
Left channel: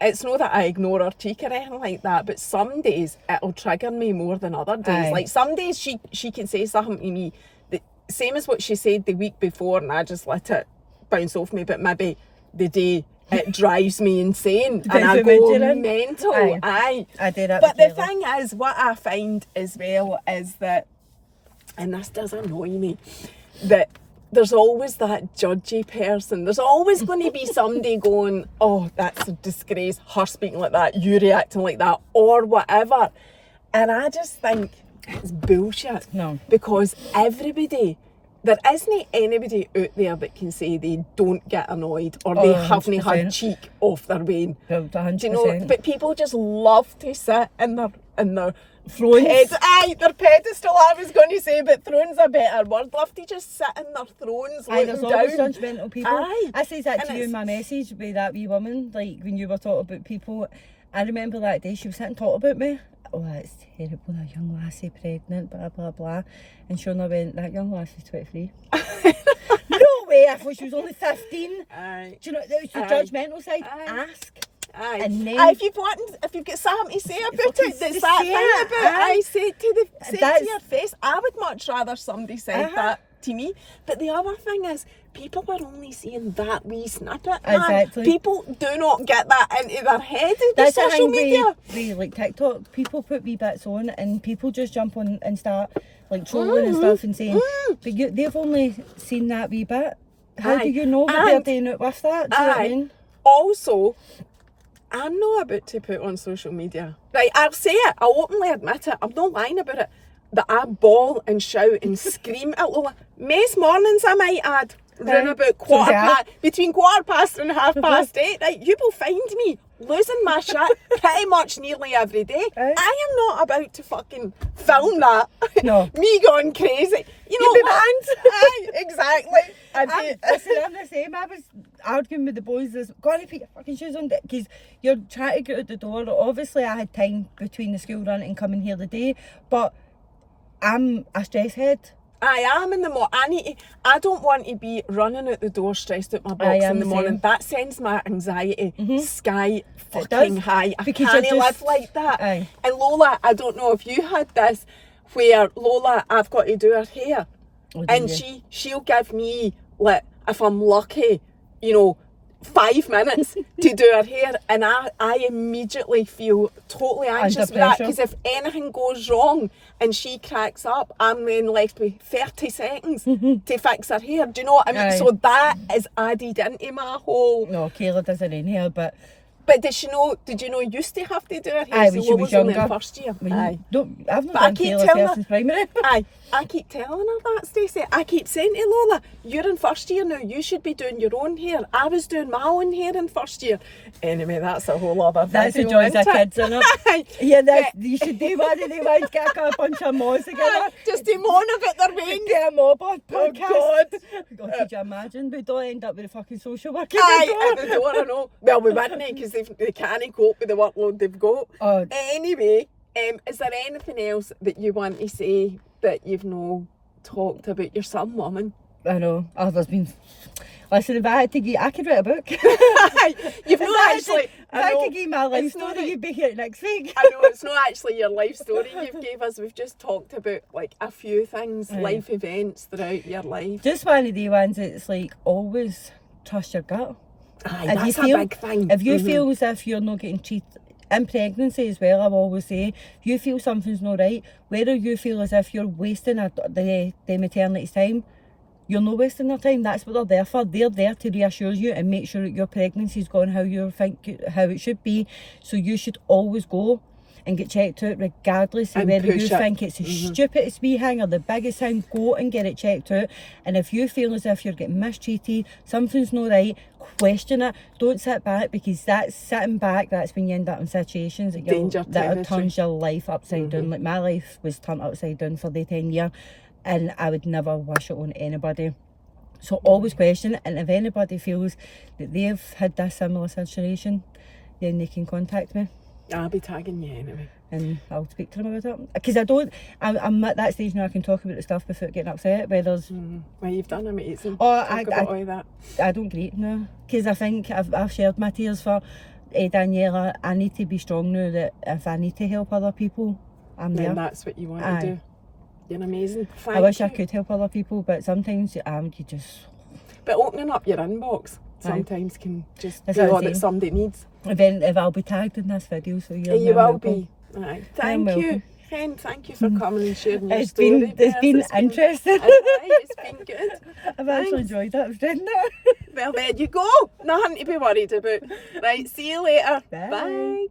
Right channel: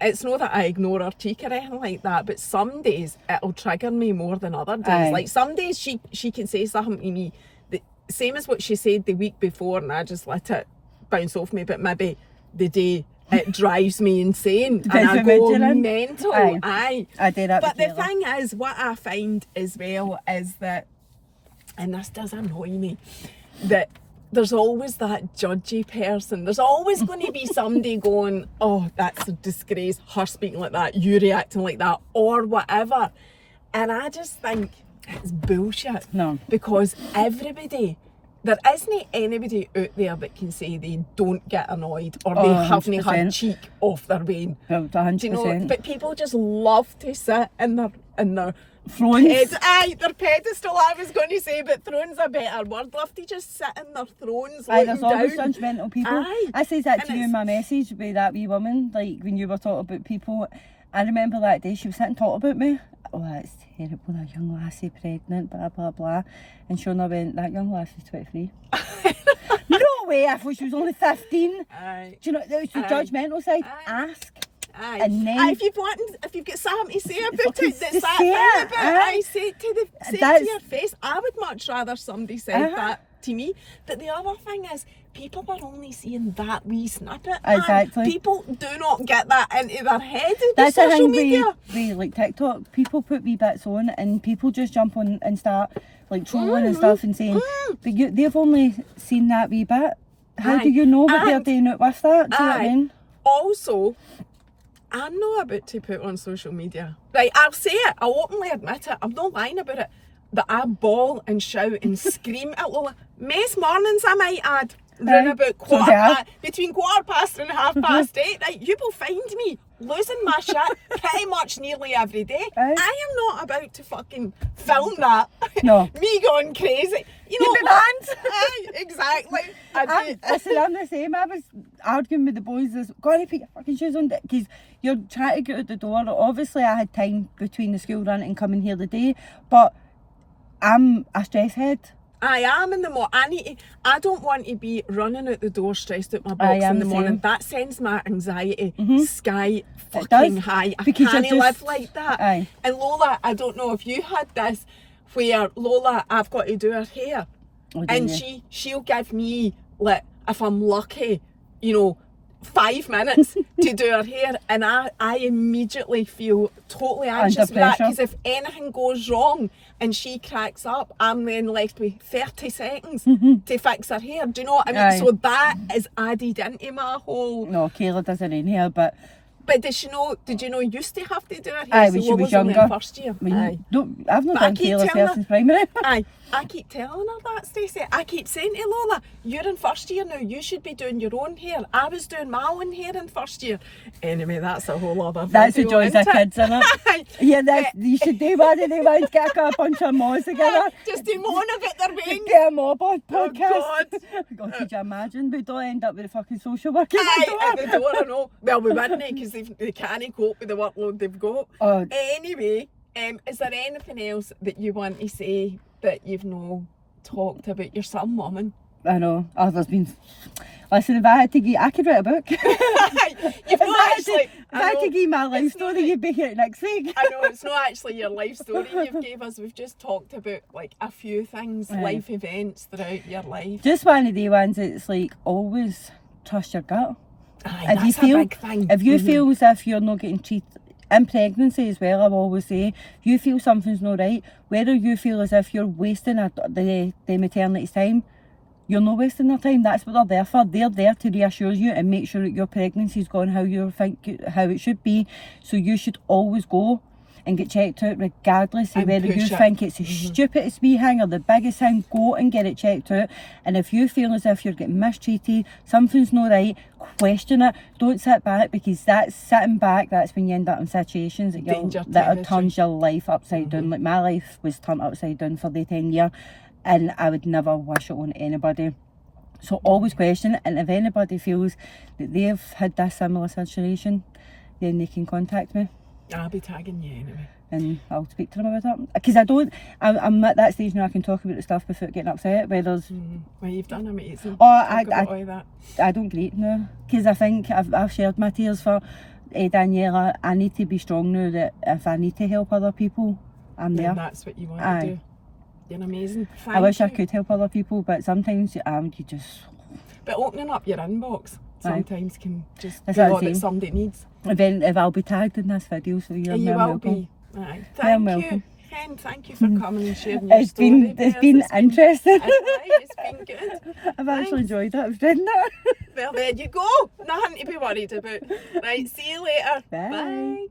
it's not that I ignore her cheek or anything like that, but some days it'll trigger me more than other days. Aye. Like, some days she can say something to me, the same as what she said the week before, and I just let it bounce off me, but maybe the day it drives me insane and I go mental. Aye. I do that. But the thing is, what I find as well is that, and this does annoy me, that there's always that judgy person. There's always going to be somebody going, oh, that's a disgrace, her speaking like that, you reacting like that, or whatever. And I just think it's bullshit. No. Because everybody there isn't anybody out there that can say they don't get annoyed or they haven't 100%. had cheek off their vein. Well, 100%. Do you know? But people just love to sit in their Thrones. their pedestal, I was going to say, but throne's a better word. Love to just sit in their thrones. Aye, there's always down. judgmental people. Aye. I said that And to you in my message with that wee woman, like when you were talking about people. I remember that day she was sitting talking about me. Oh, that's terrible, that young lassie pregnant, blah, blah, blah. And Shona went, that young lassie's 23. No way, I thought she was only 15. Aye. Do you know, it's the Aye. judgmental side. Aye. Ask. Aye. And then, if you've got something to say about fucking it, that's just that say thing it, about aye. I say it to That's- your face. I would much rather somebody said Uh-huh. that to me. But the other thing is, people are only seeing that wee snippet. Exactly. Man. People do not get that into their head with that's the social thing media. with like TikTok. People put wee bits on and people just jump on and start like trolling and stuff and saying, but they've only seen that wee bit. How do Aye. you know that they're And- doing it with that? Do you know what I Aye. mean? Also, I'm not about to put on social media. Right, I'll say it. I'll openly admit it. I'm not lying about it. That I bawl and shout and scream at Lola. Most mornings, I might add, round Aye. about between 1:15 and 8:30. Right, you will find me losing my shit pretty much nearly every day. Aye. I am not about to fucking film that. No. Me going crazy. You know You'd be what? banned. Aye, exactly. I'd be- Listen, I'm the same. I was arguing with the boys this, gotta put your fucking shoes on, because you're trying to get out the door. Obviously, I had time between the school run and coming here today, but I'm a stress head. I am in the morning. I don't want to be running out the door stressed out my I box am in the the morning. same. That sends my anxiety sky does, fucking high. I because you're can't live just- like that. Aye. And Lola, I don't know if you had this, where Lola, I've got to do her hair, Oh, do and you? she'll give me, like, if I'm lucky, 5 minutes to do her hair, and I immediately feel totally anxious with that, pressure. because if anything goes wrong and she cracks up, I'm then left with 30 seconds to fix her hair. Do you know what I mean? Aye. So that is added into my whole. No, Kayla doesn't in here, but But did you know you used to have to do her hair? aye, So when she Lola was only in younger. first year. When Aye. I've not But I done keep Kayla's telling hair her- since primary. Aye, I keep telling her that, Stacey. I keep saying to Lola, you're in first year now, you should be doing your own hair. I was doing my own hair in first year. Anyway, that's a whole other That's the video, joys of isn't it? kids, isn't it? Aye. Yeah, you should do one of them ones, get a bunch of mods together. Just to moan about their veins. Get a mob on podcast. God. God, could you imagine? We don't end up with a fucking social worker. Aye, at the door, I know. Well, we wouldn't, because they can't cope with the workload they've got. Oh, Anyway, is there anything else that you want to say that you've no talked about your son, woman? I know. Oh, there's been. Listen, if I had to give, I could write a book. You've If not I had actually. to, if I had to give my life It's not story, a- you'd be here next week. I know it's not actually your life story you've gave us. We've just talked about like a few things, Aye. life events throughout your life. Just one of the ones that's like always trust your gut. Aye, If you that's feel- a big thing. If you Mhm. feel as if you're not getting treated in pregnancy as well, I will always say, if you feel something's not right, whether you feel as if you're wasting the maternity's time, you're not wasting their time. That's what they're there for. They're there to reassure you and make sure that your pregnancy's gone how it should be. So you should always go and get checked out, regardless of And whether you push it. think it's the stupidest wee thing or the biggest thing. Go and get it checked out. And if you feel as if you're getting mistreated, something's not right, question it. Don't sit back, because that's sitting back. That's when you end up in situations Danger that territory. turns your life upside down. Like my life was turned upside down for the 10 year, and I would never wish it on anybody. So always question it, and if anybody feels that they've had this similar situation, then they can contact me I'll be tagging you anyway. and I'll speak to them about it. Because I'm at that stage now I can talk about the stuff without getting upset. Where there's, Well, you've done amazing. Oh, Talk about all that. I don't grieve now, because I think I've shared my tears for Daniela. I need to be strong now, that if I need to help other people, I'm there. Then that's what you want Aye. to do. You're amazing. I wish I Thank you. could help other people, but sometimes you just. But opening up your inbox Aye. sometimes can just That's be what I'm all that saying. somebody needs. If I'll be tagged in this video, so you're And you more will welcome. be. Aye. You're Thank you. welcome. Ken, thank you for coming and sharing your It's story. been Beth. interesting. It's been good. I've actually Thanks. enjoyed it. I've done it. Well, there you go. Nothing to be worried about. Right, see you later. Bye. Bye.